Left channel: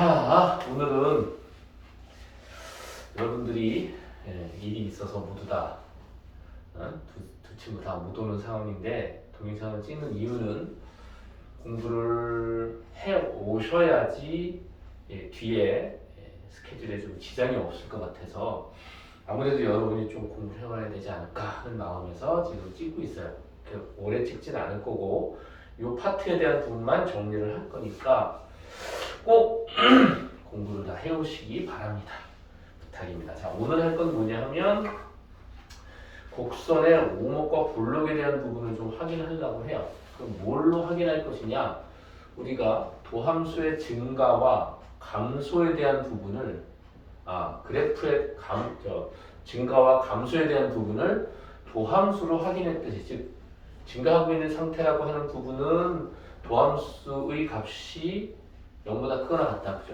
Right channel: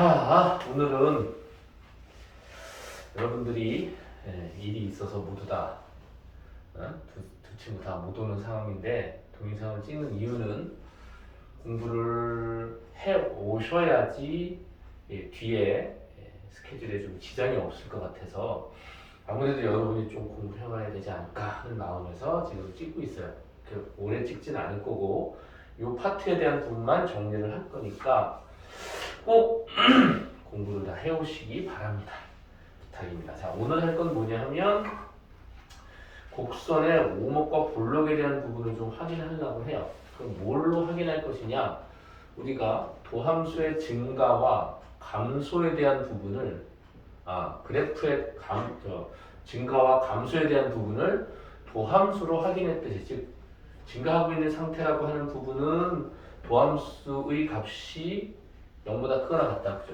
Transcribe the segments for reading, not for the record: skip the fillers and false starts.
자, 오늘은 여러분들이 일이 있어서 모두 다 두 친구 다 못 오는 상황인데 동영상을 찍는 이유는 공부를 해 오셔야지 뒤에 스케줄에 좀 지장이 없을 것 같아서 아무래도 여러분이 좀 공부를 해봐야 되지 않을까 하는 마음에서 지금 찍고 있어요. 오래 찍진 않을 거고 이 파트에 대한 부분만 정리를 할 거니까 꼭 공부를 다 해오시기 바랍니다. 부탁입니다. 자, 오늘 할 건 뭐냐 하면 곡선의 오목과 볼록에 대한 부분을 좀 확인하려고 해요. 그럼 뭘로 확인할 것이냐? 우리가 도함수의 증가와 감소에 대한 부분을 그래프의 증가와 감소에 대한 부분을 도함수로 확인했듯이, 즉 증가하고 있는 상태라고 하는 부분은 도함수의 값이 0보다 크거나 같다, 그죠?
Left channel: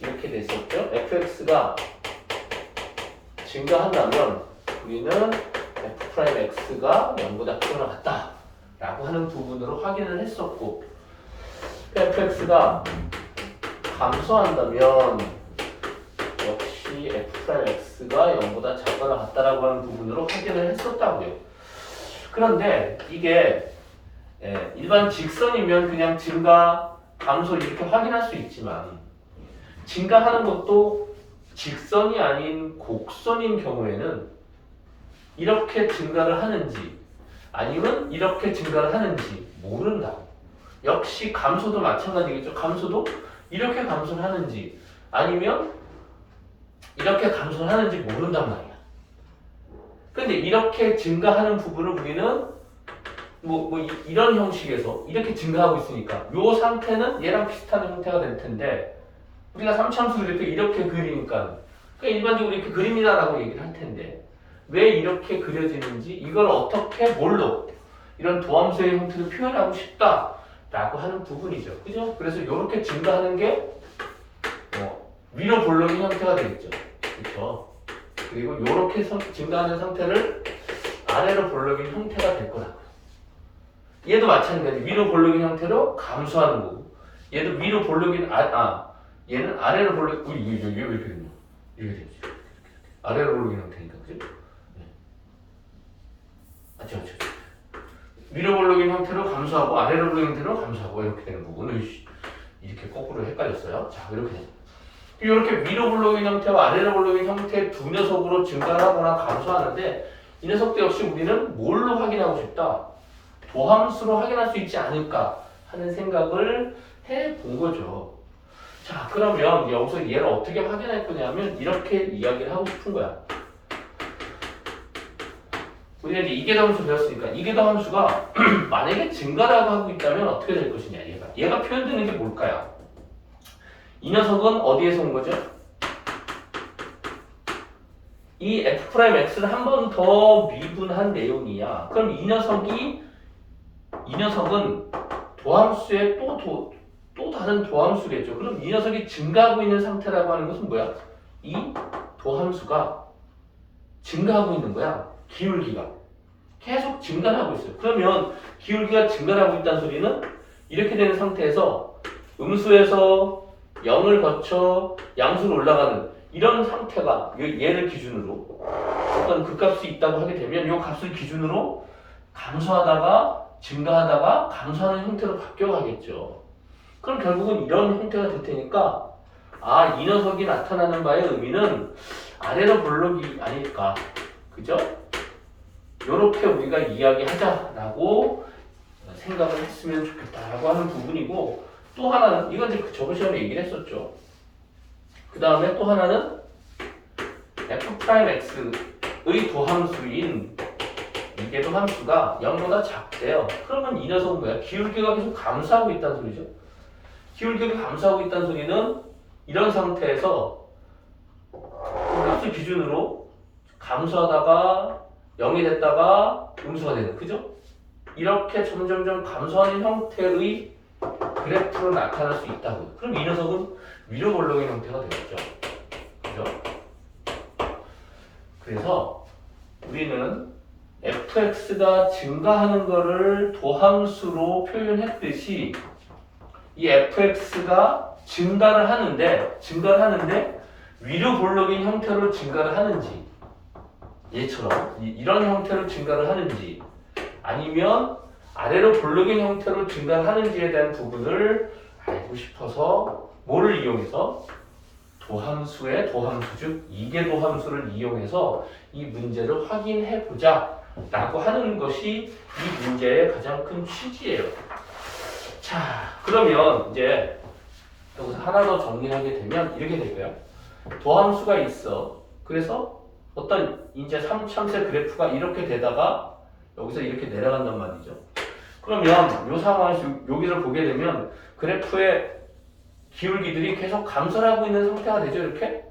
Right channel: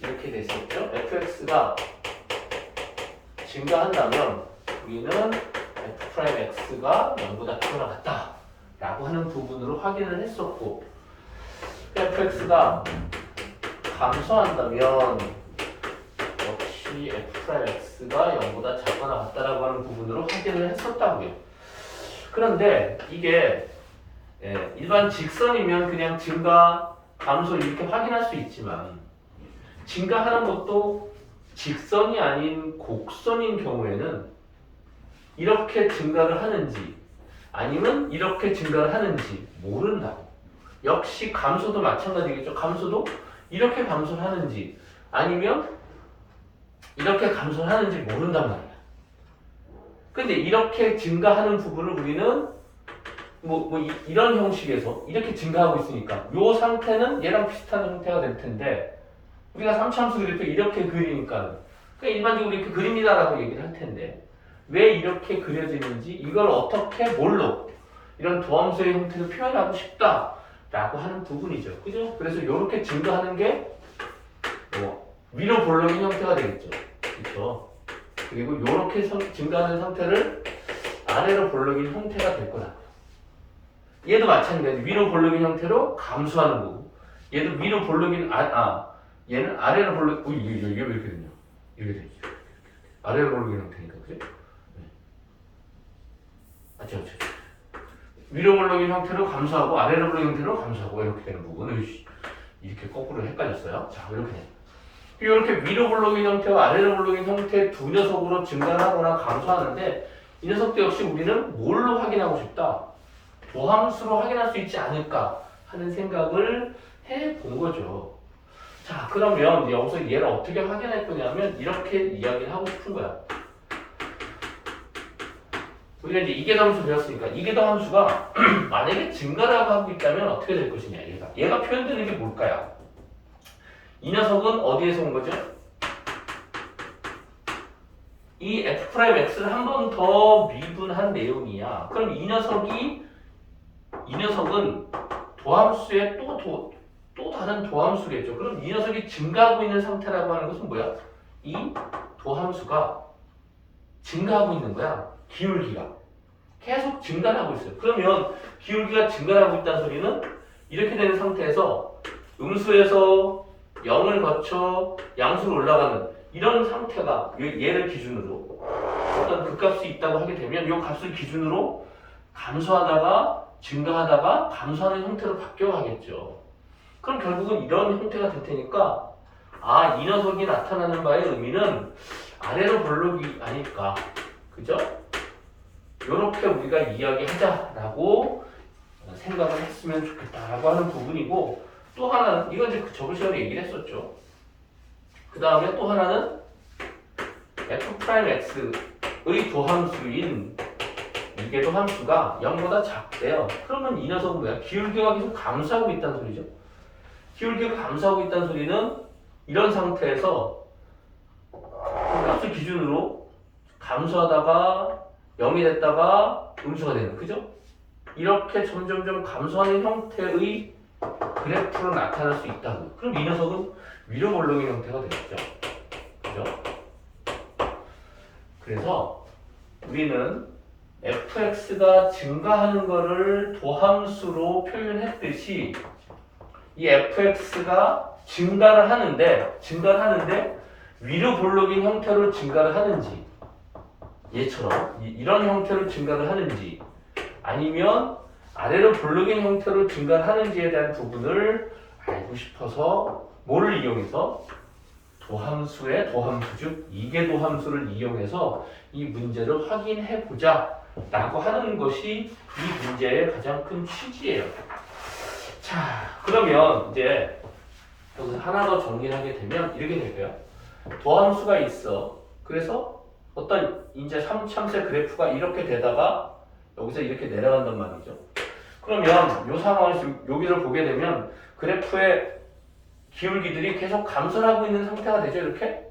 이렇게 됐었죠. fx가 증가한다면 우리는 f'x가 0보다 크거나 같다 라고 하는 부분으로 확인을 했었고, fx가 감소한다면 역시 f'x가 0보다 작거나 같다라고 하는 부분으로 확인을 했었다고요. 그런데 이게 일반 직선이면 그냥 증가, 감소 이렇게 확인할 수 있지만 증가하는 것도 직선이 아닌 곡선인 경우에는 이렇게 증가를 하는지 아니면 이렇게 증가를 하는지 모른다. 역시 감소도 마찬가지겠죠. 감소도 이렇게 감소를 하는지 아니면 이렇게 감소를 하는지 모른단 말이야. 근데 이렇게 증가하는 부분을 우리는 이런 형식에서 이렇게 증가하고 있으니까 이 상태는 얘랑 비슷한 형태가 될 텐데 우리가 삼차함수를 이렇게 그리니까 일반적으로 이렇게 그립니다라고 얘기를 할 텐데 왜 이렇게 그려지는지 이걸 어떻게 뭘로 이런 도함수의 형태를 표현하고 싶다라고 하는 부분이죠. 그죠? 그래서 이렇게 증가하는 게 위로 볼록인 형태가 되겠죠. 그렇죠? 그리고 이렇게 증가하는 상태를 아래로 볼록인 형태가 될 거다. 얘도 마찬가지. 위로 볼록인 형태로 감소하는 거고 얘도 위로 볼록인 얘는 아래로 볼록. 얘 왜 이렇게 되냐? 이렇게 되지. 아래로 볼록인 형태니까, 그죠? 위로 볼록인 형태로 감소하고 아래로 볼록인 형태로 감소하고 이렇게 되는 부분을 이렇게 거꾸로 헷갈렸어요. 자, 이렇게 돼요. 이렇게 위로 볼록인 형태와 아래로 볼록인 형태 두 녀석으로 증가하거나 감소하는데 이 녀석도 역시 우리는 뭘로 확인하고 싶다? 도함수로 확인할 수 있지 않을까 하는 생각을 해본 거죠. 자, 그러면 여기서 얘를 어떻게 확인할 거냐면 이렇게 이야기를 하고 싶은 거야. 우리가 이제 이계도함수 배웠으니까 이계도함수가 만약에 증가라고 하고 있다면 어떻게 될 것이냐. 얘가 표현되는 게 뭘까요? 이 녀석은 어디에서 온 거죠? 이 f'x를 한 번 더 미분한 내용이야. 그럼 이 녀석은 도함수의 또 다른 도함수겠죠. 그럼 이 녀석이 증가하고 있는 상태라고 하는 것은 뭐야? 이 도함수가 증가하고 있는 거야. 기울기가 계속 증가를 하고 있어요. 그러면 기울기가 증가를 하고 있다는 소리는 이렇게 되는 상태에서 음수에서 0을 거쳐 양수로 올라가는 이런 상태가 얘를 기준으로 어떤 극값이 있다고 하게 되면 이 값을 기준으로 감소하다가 증가하다가 감소하는 형태로 바뀌어가겠죠. 그럼 결국은 이런 형태가 될 테니까 이 녀석이 나타나는 바의 의미는 아래로 볼록이 아닐까. 그죠? 요렇게 우리가 이야기하자라고 생각을 했으면 좋겠다라고 하는 부분이고, 또 하나는 이건 이제 저번 시간에 얘기를 했었죠. 그 다음에 또 하나는 f'x의 도함수인 이계도 함수가 0보다 작대요. 그러면 이 녀석은 뭐야? 기울기가 계속 감소하고 있다는 소리죠. 기울기가 감소하고 있다는 소리는 이런 상태에서 값을 기준으로 감소하다가 0이 됐다가 음수가 되는, 그죠? 이렇게 점점점 감소하는 형태의 그래프로 나타날 수 있다고요. 그럼 이 녀석은 위로 볼록인 형태가 되겠죠. 그죠? 그래서 우리는 fx가 증가하는 것을 도함수로 표현했듯이 이 fx가 증가를 하는데 위로 볼록인 형태로 증가를 하는지 얘처럼 이런 형태로 증가를 하는지 아니면 아래로 볼록인 형태로 증가를 하는지에 대한 부분을 알고 싶어서 뭐를 이용해서 도함수의 도함수 즉 이계도함수를 이용해서 이 문제를 확인해 보자 라고 하는 것이 이 문제의 가장 큰 취지예요. 자, 그러면 이제 여기서 하나 더 정리하게 되면 이렇게 될까요? 도함수가 있어. 그래서 어떤 이제 참새 그래프가 이렇게 되다가 여기서 이렇게 내려간단 말이죠. 그러면 이 상황에서 여기를 보게 되면 그래프의 기울기들이 계속 감소를 하고 있는 상태가 되죠. 이렇게.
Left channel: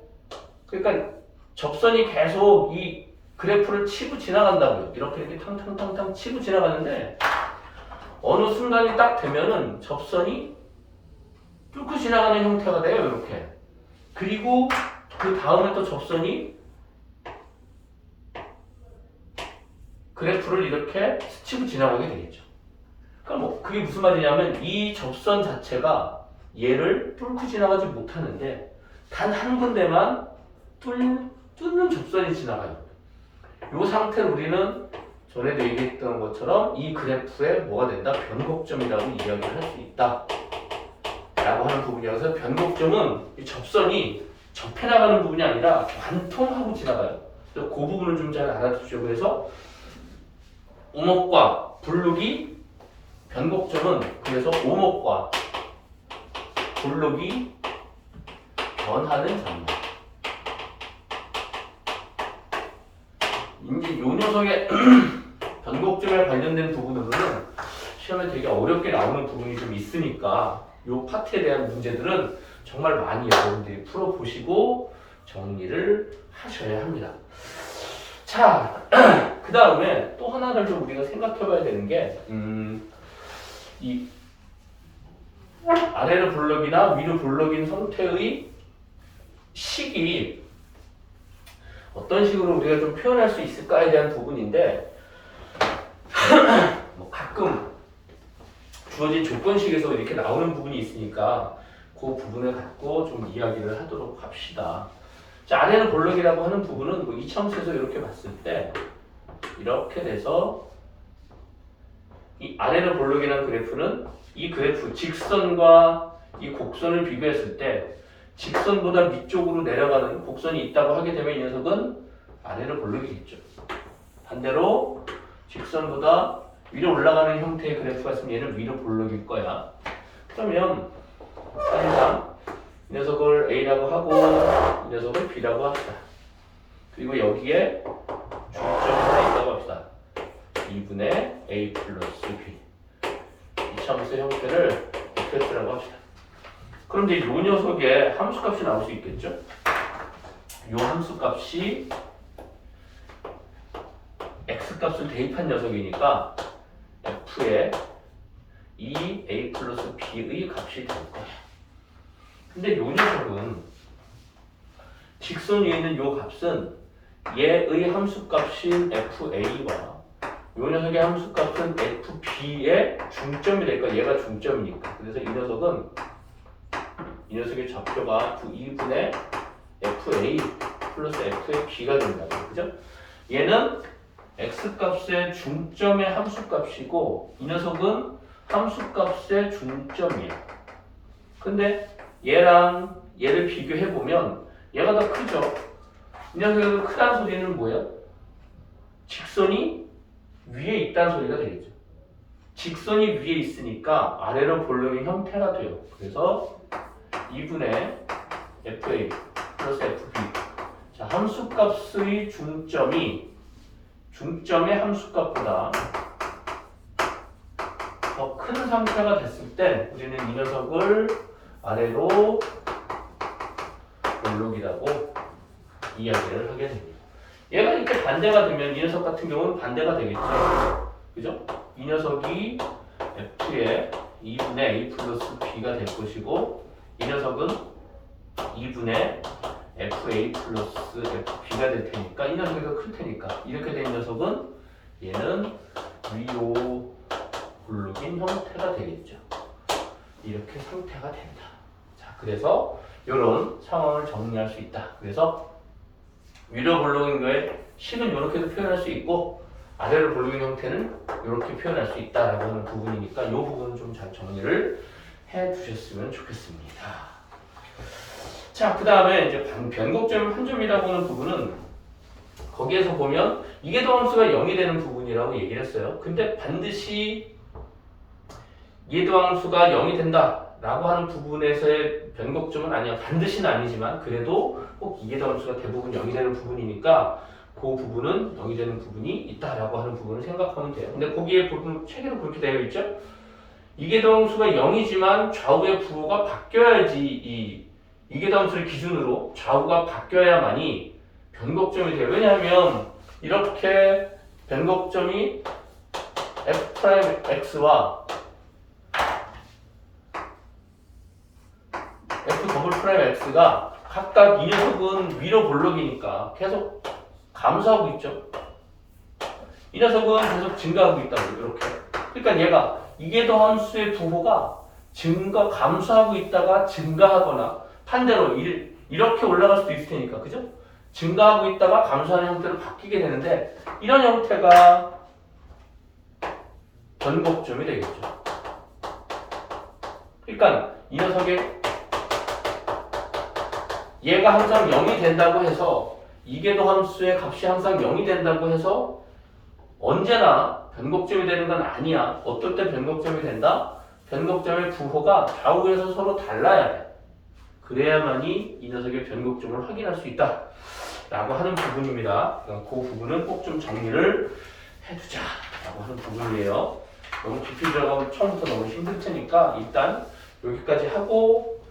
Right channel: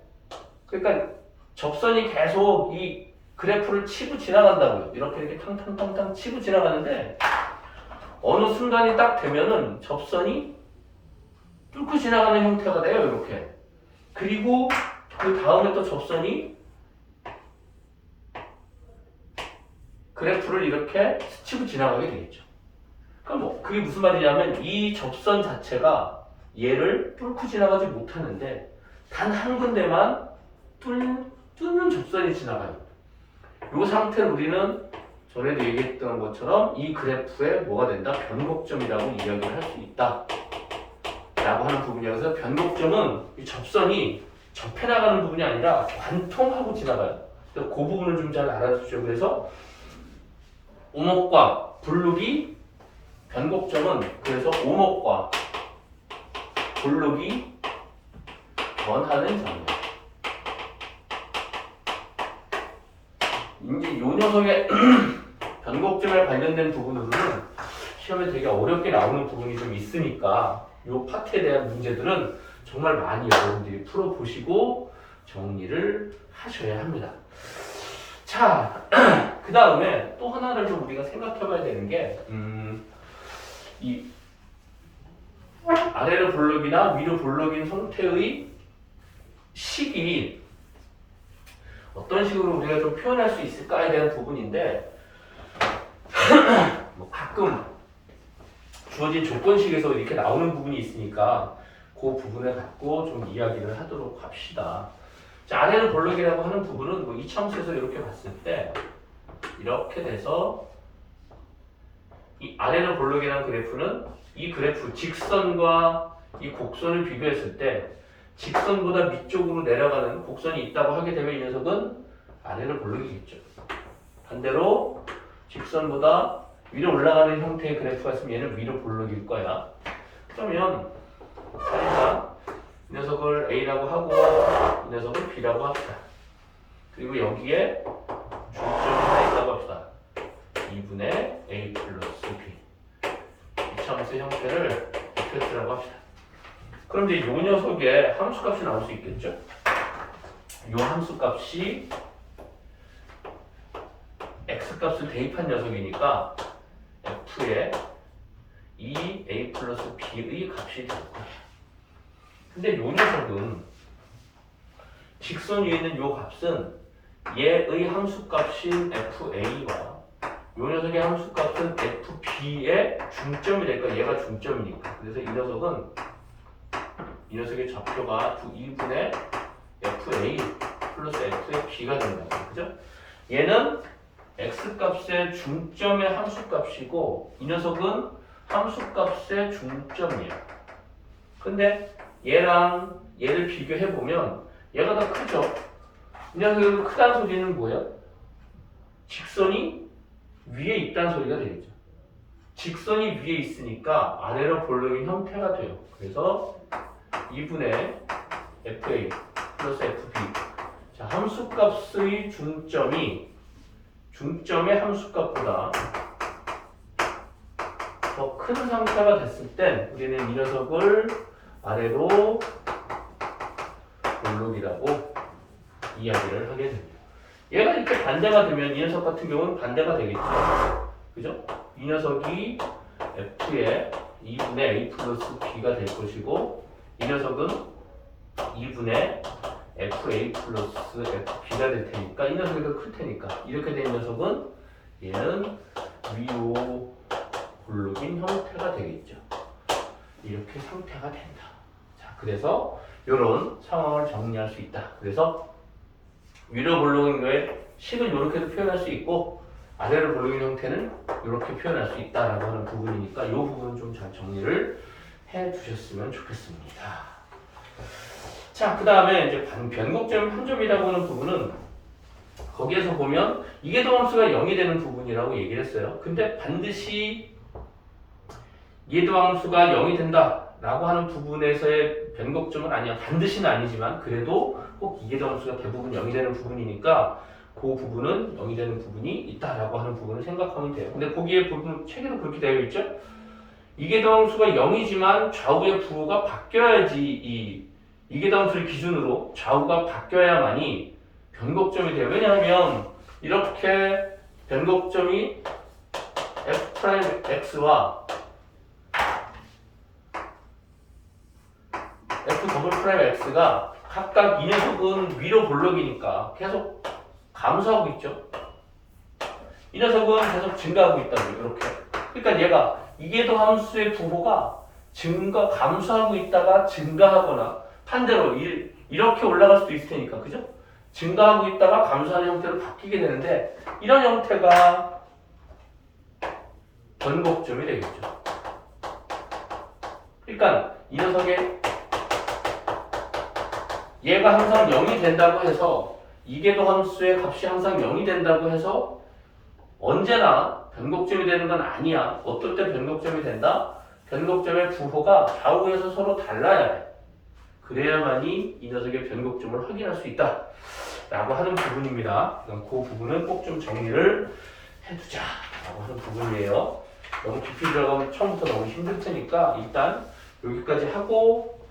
그러니까 접선이 계속 이 그래프를 치고 지나간다고요. 이렇게 탕탕탕탕 치고 지나가는데 어느 순간이 딱 되면은 접선이 뚫고 지나가는 형태가 돼요. 이렇게. 그리고 그 다음에 또 접선이 그래프를 이렇게 스치고 지나가게 되겠죠. 그럼 뭐 그게 무슨 말이냐면 이 접선 자체가 얘를 뚫고 지나가지 못하는데 단 한 군데만 뚫는 접선이 지나가요. 이 상태를 우리는 전에도 얘기했던 것처럼 이 그래프에 뭐가 된다? 변곡점이라고 이야기를 할 수 있다 라고 하는 부분이에요. 그래서 변곡점은 이 접선이 접해 나가는 부분이 아니라 관통하고 지나가요. 그래서 그 부분을 좀 잘 알아두십시오. 그래서 오목과 블록이 변곡점은 그래서 오목과 블록이 변하는 장면. 이제 요 녀석의 변곡점에 관련된 부분으로는 시험에 되게 어렵게 나오는 부분이 좀 있으니까 요 파트에 대한 문제들은 정말 많이 여러분들이 풀어보시고 정리를 하셔야 합니다. 자, 그 다음에 또 하나를 좀 우리가 생각해봐야 되는 게 이 아래로 볼록이나 위로 볼록인 형태의 식이 어떤 식으로 우리가 좀 표현할 수 있을까에 대한 부분인데 뭐 가끔 주어진 조건식에서 이렇게 나오는 부분이 있으니까 그 부분을 갖고 좀 이야기를 하도록 합시다. 자, 아래로 볼록이라고 하는 부분은 뭐 이참수에서 이렇게 봤을 때 이렇게 돼서 이 아래로 볼록이라는 그래프는 이 그래프 직선과 이 곡선을 비교했을 때 직선보다 밑쪽으로 내려가는 곡선이 있다고 하게 되면 이 녀석은 아래로 볼록이겠죠. 반대로 직선보다 위로 올라가는 형태의 그래프가 있으면 얘는 위로 볼록일 거야. 그러면 사실상 이 녀석을 A라고 하고 이 녀석을 B라고 합시다. 그리고 여기에 중점이 하나 있다고 합시다. 2분의 A 플러스 B. 이 참수의 형태를 F라고 합시다. 그럼 이제 이 녀석의 함수값이 나올 수 있겠죠? 이 함수값이 X값을 대입한 녀석이니까 F에 이 A 플러스 B의 값이 될 거야. 근데 이 녀석은 직선 위에 있는 이 값은 얘의 함수값인 FA와 이 녀석의 함수값은 FB의 중점이 될 거야. 얘가 중점이니까. 그래서 이 녀석의 좌표가 2분의 FA 플러스 FB가 된다고. 그죠? 얘는 X값의 중점의 함수값이고 이 녀석은 함수값의 중점이에요. 근데 얘랑 얘를 비교해보면 얘가 더 크죠? 이 녀석이 크다는 소리는 뭐예요? 직선이 위에 있다는 소리가 되겠죠. 직선이 위에 있으니까 아래로 볼록인 형태가 돼요. 그래서 2분의 FA 플러스 FB. 자, 함수값의 중점이 중점의 함수값보다 더 큰 상태가 됐을 땐 우리는 이 녀석을 아래로 볼록이라고 이야기를 하게 됩니다. 얘가 이렇게 반대가 되면 이 녀석 같은 경우는 반대가 되겠죠. 그죠? 이 녀석이 F의 2분의 A 플러스 B가 될 것이고 이 녀석은 2분의 FA 플러스 FB가 될 테니까 이 녀석이 더 클 테니까 이렇게 된 녀석은 얘는 위로 볼록인 형태가 되겠죠. 이렇게 상태가 된다. 자, 그래서 이런 상황을 정리할 수 있다. 그래서 위로 볼록인 거에 식은 이렇게도 표현할 수 있고 아래로 볼록인 형태는 이렇게 표현할 수 있다라고 하는 부분이니까 이 부분은 좀 잘 정리를 해 두셨으면 좋겠습니다. 자, 그 다음에 이제 변곡점 판점이라고 하는 부분은 거기에서 보면 이계도함수가 0이 되는 부분이라고 얘기를 했어요. 근데 반드시 이계도함수가 0이 된다라고 하는 부분에서의 변곡점은 아니야. 반드시는 아니지만 그래도 꼭 이계도함수가 대부분 0이 되는 부분이니까 그 부분은 0이 되는 부분이 있다라고 하는 부분을 생각하면 돼요. 근데 거기에 부분 책에도 그렇게 되어 있죠. 이계도함수가 0이지만 좌우의 부호가 바뀌어야지 이계도함수를 기준으로 좌우가 바뀌어야만이 변곡점이 돼요. 왜냐하면 이렇게 변곡점이 F'X와 F'X가 각각 이 녀석은 위로 볼록이니까 계속 감소하고 있죠. 이 녀석은 계속 증가하고 있다고요. 이렇게. 그러니까 얘가 이계도함수의 부호가 감소하고 있다가 증가하거나 반대로 이렇게 올라갈 수도 있을 테니까, 그죠? 증가하고 있다가 감소하는 형태로 바뀌게 되는데 이런 형태가 변곡점이 되겠죠. 그러니까 이 녀석의 얘가 항상 0이 된다고 해서 이계도함수의 값이 항상 0이 된다고 해서 언제나 변곡점이 되는 건 아니야. 어떨 때 변곡점이 된다? 변곡점의 부호가 좌우에서 서로 달라야 돼. 그래야만이 이 녀석의 변곡점을 확인할 수 있다 라고 하는 부분입니다. 그 부분은 꼭 좀 정리를 해두자 라고 하는 부분이에요. 너무 깊이 들어가면 처음부터 너무 힘들 테니까 일단 여기까지 하고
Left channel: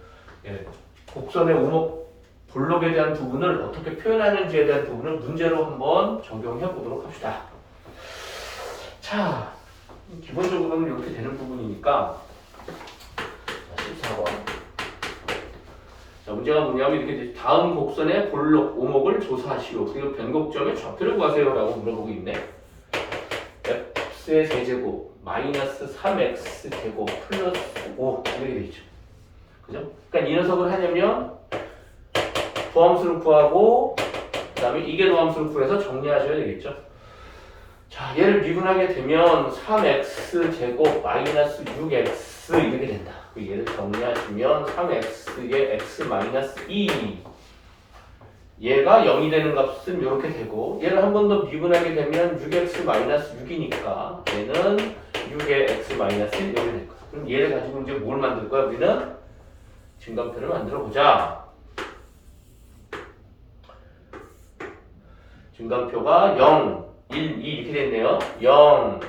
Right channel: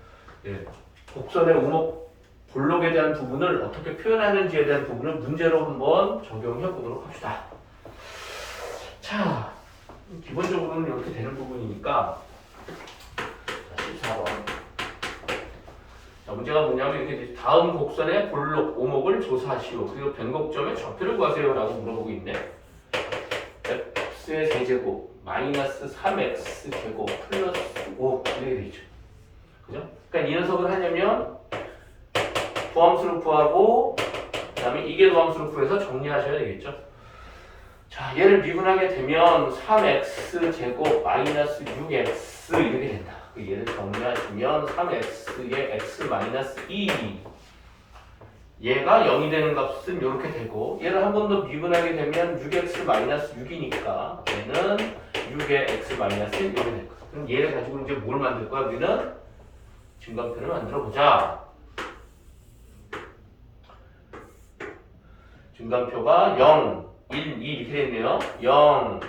곡선의 오목 볼록에 대한 부분을 어떻게 표현하는지에 대한 부분을 문제로 한번 적용해 보도록 합시다. 자, 기본적으로는 이렇게 되는 부분이니까 14번. 자, 문제가 뭐냐면 이렇게 다음 곡선의 볼록 오목을 조사하시오. 그리고 변곡점의 좌표를 구하세요 라고 물어보고 있네. x의 세제곱 마이너스 3x 제곱 플러스 5 이렇게 되죠. 그죠? 그러니까 이 녀석을 하려면 도함수를 구하고 그 다음에 이계도함수를 구해서 정리하셔야 되겠죠. 자, 얘를 미분하게 되면 3x 제곱 마이너스 6x 이렇게 된다. 얘를 정리하시면 3x의 x 마이너스 2 얘가 0이 되는 값은 이렇게 되고 얘를 한 번 더 미분하게 되면 6x 마이너스 6이니까 얘는 6의 x 마이너스 1 이렇게 될 거야. 그럼 얘를 가지고 이제 뭘 만들 거야? 우리는 증감표를 만들어 보자. 증감표가 0, 1, 2 이렇게 돼 있네요. 0,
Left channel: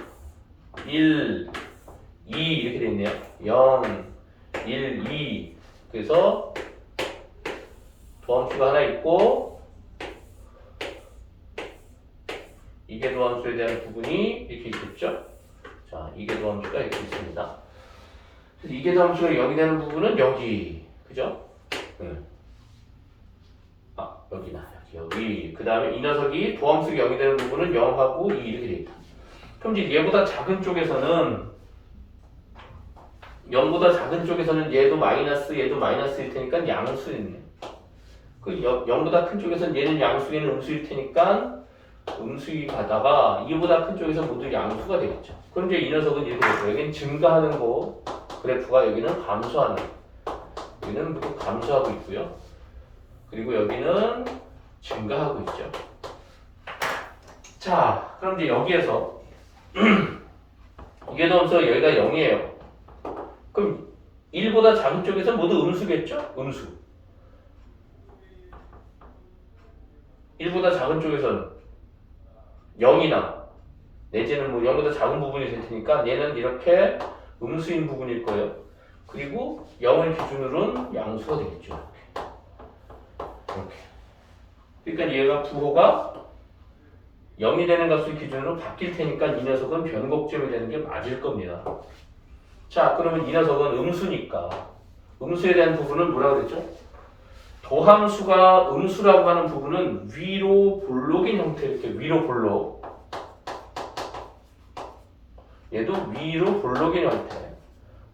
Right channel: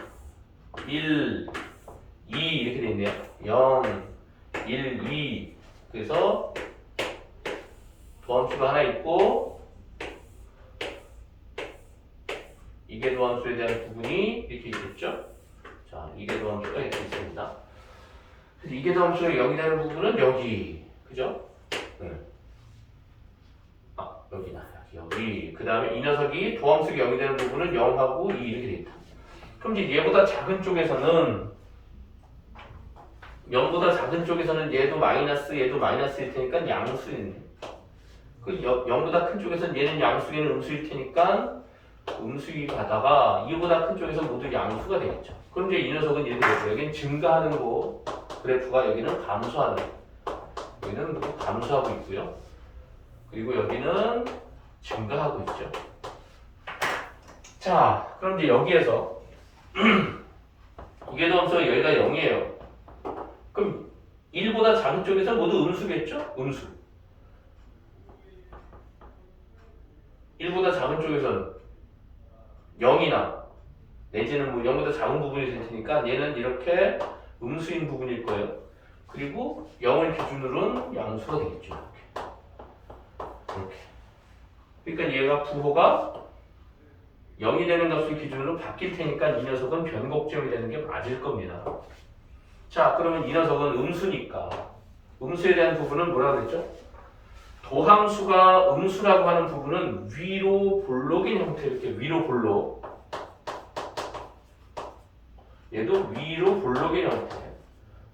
1, 2 이렇게 돼 있네요. 0, 1, 2 그래서 도함수가 하나 있고 이계도함수에 대한 부분이 이렇게 있겠죠. 자, 이계도함수가 이렇게 있습니다. 그래서 이계도함수가 0이 되는 부분은 여기, 그죠? 네. 여기나 여기. 그 다음에 이 녀석이 도함수가 0이 되는 부분은 0하고 2 이렇게 돼 있다. 그럼 이제 얘보다 작은 쪽에서는 0보다 작은 쪽에서는 얘도 마이너스일 테니까 양수겠네. 그 0보다 큰 쪽에서는 얘는 양수에는 음수일 테니까 음수이 가다가 2보다 큰 쪽에서 모두 양수가 되겠죠. 그럼 이제 이 녀석은 이렇게 되고 여기는 증가하는 거 그래프가 여기는 감소하는 여기는 감소하고 있고요. 그리고 여기는 증가하고 있죠. 자, 그럼 이제 여기에서 이계도함수가 여기가 0이에요. 그럼 1보다 작은 쪽에서 모두 음수겠죠? 음수. 1보다 작은 쪽에서는 0이나 내지는 뭐 0보다 작은 부분이 될 테니까 얘는 이렇게 음수인 부분일 거예요. 그리고 0을 기준으로는 양수가 되겠죠. 이렇게. 그러니까 얘가 부호가 0이 되는 값을 기준으로 바뀔 테니까 이 녀석은 변곡점이 되는 게 맞을 겁니다. 자, 그러면 이 녀석은 음수니까 음수에 대한 부분은 뭐라 그랬죠? 도함수가 음수라고 하는 부분은 위로 볼록인 형태 이렇게 위로 볼록 얘도 위로 볼록인 형태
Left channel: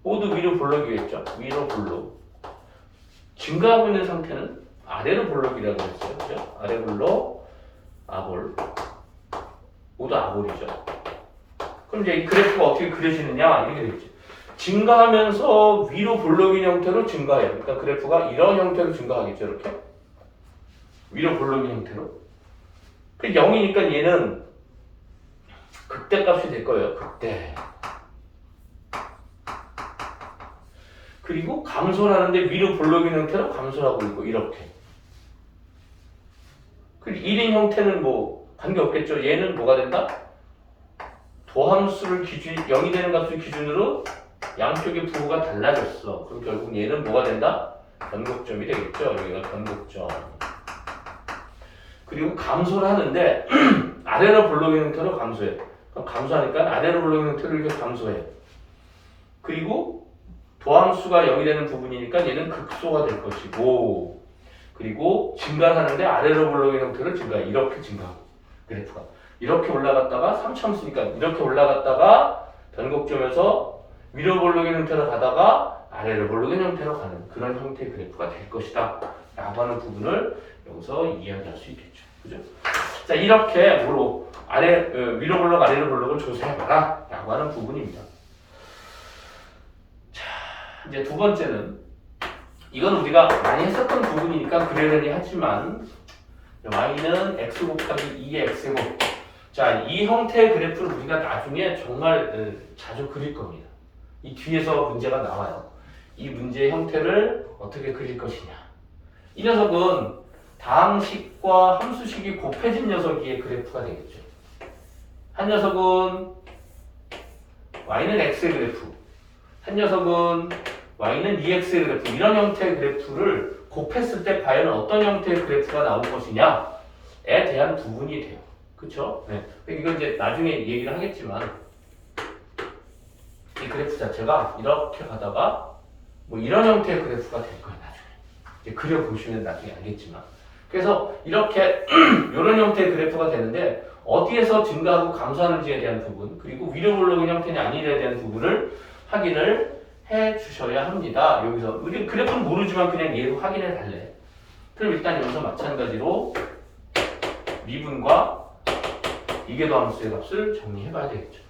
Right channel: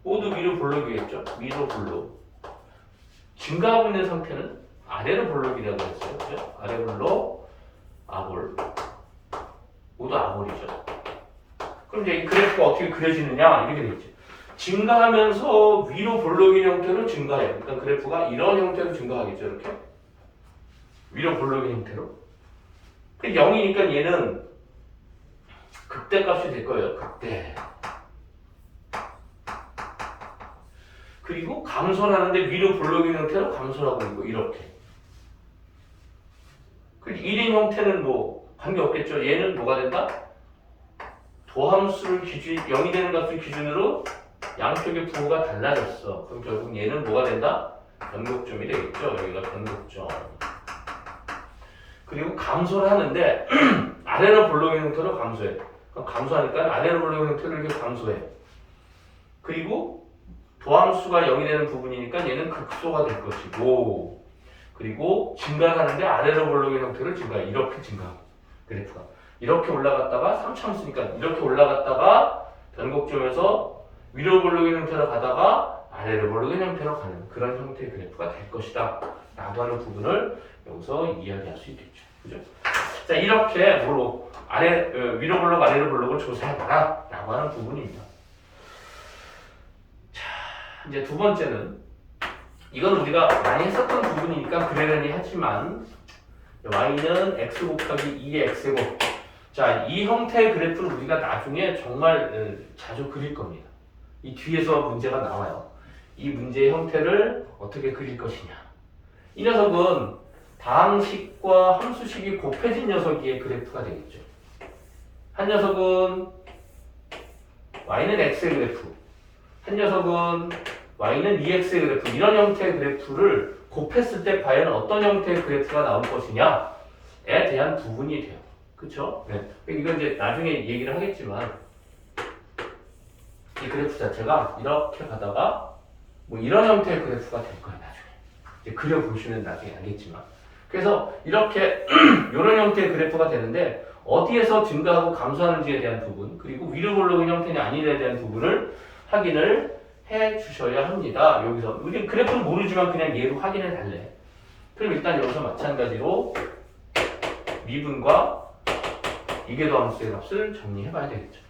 모두 위로 볼록이겠죠? 위로 볼록 증가하고 있는 상태는 아래로 볼록이라고 했어요. 그죠? 아래로 볼록, 아볼. 모두 아볼이죠. 그럼 이제 이 그래프가 어떻게 그려지느냐? 이렇게 되겠죠. 증가하면서 위로 볼록인 형태로 증가해요. 그러니까 그래프가 이런 형태로 증가하겠죠. 이렇게. 위로 볼록인 형태로. 0이니까 얘는 극대값이 될 거예요. 극대. 그리고 감소를 하는데 위로 볼록인 형태로 감소하고 있고 이렇게. 1인 형태는 뭐 관계없겠죠. 얘는 뭐가 된다? 도함수를 기준, 0이 되는 값을 기준으로 양쪽의 부호가 달라졌어. 그럼 결국 얘는 뭐가 된다? 변곡점이 되겠죠. 여기가 변곡점. 그리고 감소를 하는데 아래로 볼록인 형태로 감소해. 그럼 감소하니까 아래로 볼록인 형태로 이렇게 감소해. 그리고 도함수가 0이 되는 부분이니까 얘는 극소가 될 것이고, 그리고 증가하는데 아래로 볼록인 형태로 증가해. 이렇게 증가하고 그래프가 이렇게 올라갔다가 3참수니까 이렇게 올라갔다가 변곡점에서 위로 볼록인 형태로 가다가 아래로 볼록인 형태로 가는 그런 형태의 그래프가 될 것이다 라고 하는 부분을 여기서 이야기할 수 있겠죠. 그죠? 자, 이렇게 뭐로 위로 볼록 아래로 볼록을 조사해봐라 라고 하는 부분입니다. 자, 이제 두 번째는 이건 우리가 많이 했었던 부분이니까 그러려니 하지만 y는 x 곱하기 2의 x제곱. 자, 이 형태의 그래프를 우리가 나중에 정말 자주 그릴 겁니다. 이 뒤에서 문제가 나와요. 이 문제의 형태를 어떻게 그릴 것이냐. 이 녀석은 다항식과 함수식이 곱해진 녀석의 그래프가 되겠죠. 한 녀석은 y는 x의 그래프, 한 녀석은 y는 2x의 그래프, 이런 형태의 그래프를 곱했을 때 과연 어떤 형태의 그래프가 나올 것이냐에 대한 부분이 돼요. 그쵸? 네. 이건 이제 나중에 얘기를 하겠지만, 이 그래프 자체가 이렇게 가다가 뭐 이런 형태의 그래프가 될 거예요. 나중에 이제 그려보시면 나중에 알겠지만, 그래서 이렇게 이런 형태의 그래프가 되는데 어디에서 증가하고 감소하는지에 대한 부분, 그리고 위로 볼록인 형태냐 아니냐에 대한 부분을 확인을 해 주셔야 합니다. 여기서 우리 그래프는 모르지만 그냥 얘로 확인해 달래. 그럼 일단 여기서 마찬가지로 미분과 이계도함수의 값을 정리해 봐야 되겠죠.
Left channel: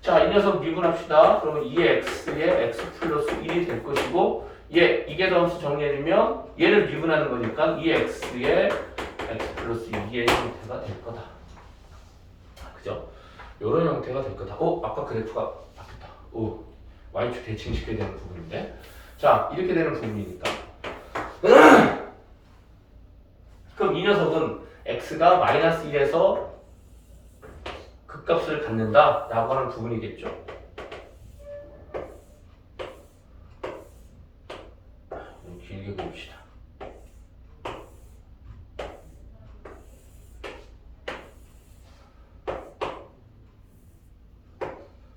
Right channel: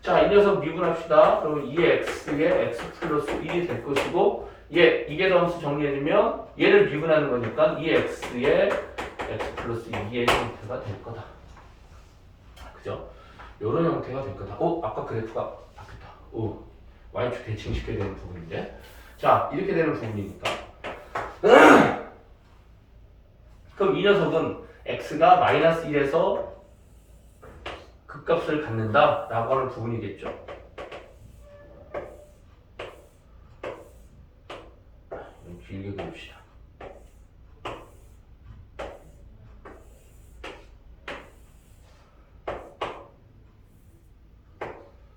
자, 이 녀석 미분합시다. 그러면 2x의 x 플러스 1이 될 것이고, 이계도함수 정리해주면 얘를 미분하는 거니까 2x의 x 플러스 2의 형태가 될 거다. 그죠? 요런 형태가 될 거다. 아까 그래프가 바뀌었다. y축 대칭시켜야 되는 부분인데, 자, 이렇게 되는 부분이니까 그럼 이 녀석은 x가 마이너스 1에서 극값을 갖는다 라고 하는 부분이겠죠. 좀 길게 봅시다.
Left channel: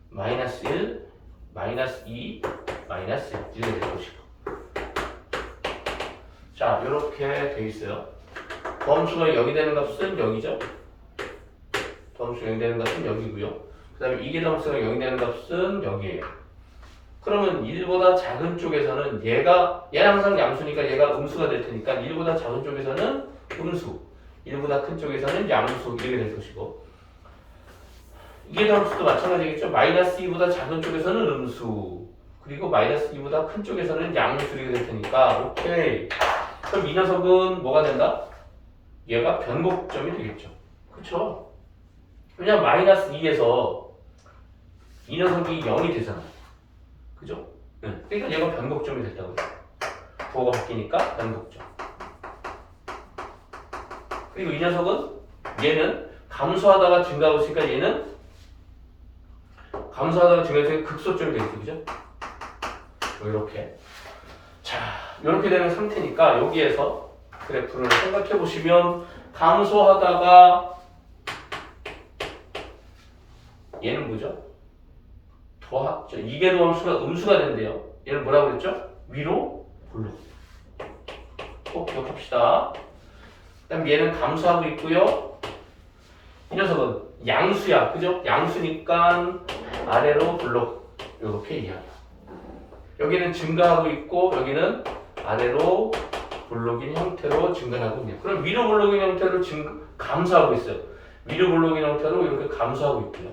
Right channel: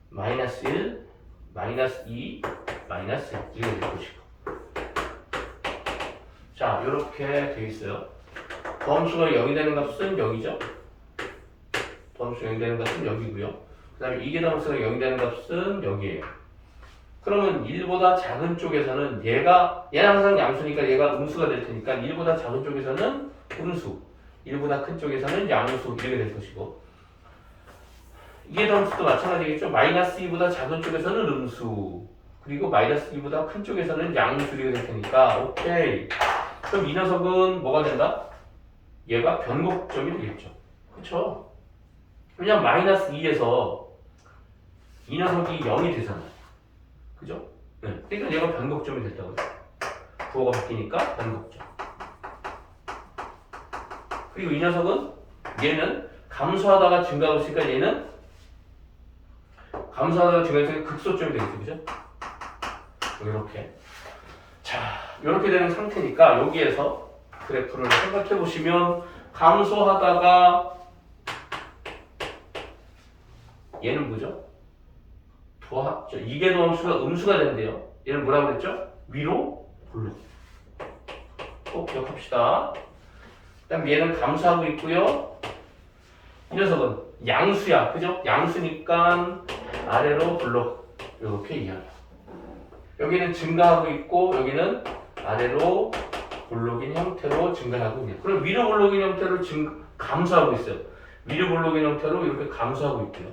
마이너스 1, 마이너스 2, 마이너스 1 이렇게 될 것이고, 자, 이렇게 돼 있어요. 도함수가 0이 되는 값은 0이죠. 도함수가 0이 되는 값은 0이고요. 그 다음에 이계도함수가 0이 되는 값은 0이에요. 그러면 1보다 작은 쪽에서는 얘는 항상 양수니까 얘가 음수가 될 테니까 1보다 작은 쪽에서는 음수, 1보다 큰 쪽에서는 양수 이렇게 될 것이고, 이계도함수도 마찬가지겠죠. 마이너스 2보다 작은 쪽에서는 음수, 그리고 마이너스 2보다 큰 쪽에서는 양수 이렇게 될 테니까 오케이. 그럼 이 녀석은 뭐가 된다? 얘가 변곡점이 되겠죠. 그쵸? 왜냐면 마이너스 2에서 이 녀석이 0이 되잖아. 그죠? 네. 그러니까 얘가 변곡점이 됐다고요. 부호가 바뀌니까 변곡점. 그리고 이 녀석은 얘는 감소하다가 증가하고 있으니까 얘는 감소하다가 증가해서 극소점이 되겠죠. 그죠? 뭐 이렇게. 자, 이렇게 되는 상태니까 여기에서 그래프를 생각해 보시면 감소하다가 얘는 뭐죠? 이계도함수가 음수가 된대요. 얘는 뭐라고 그랬죠? 위로 볼록. 꼭 기억합시다. 그다음 얘는 감소하고 있고요. 이 녀석은 양수야, 그죠? 양수니까 아래로 볼록. 이렇게 이해해요. 여기는 증가하고 있고 여기는 아래로 볼록인 형태로 증가하고 있네요. 그럼 위로 볼록인 형태로 감소하고 있어요. 위로 볼록인 형태로 이렇게 감소하고 있고요.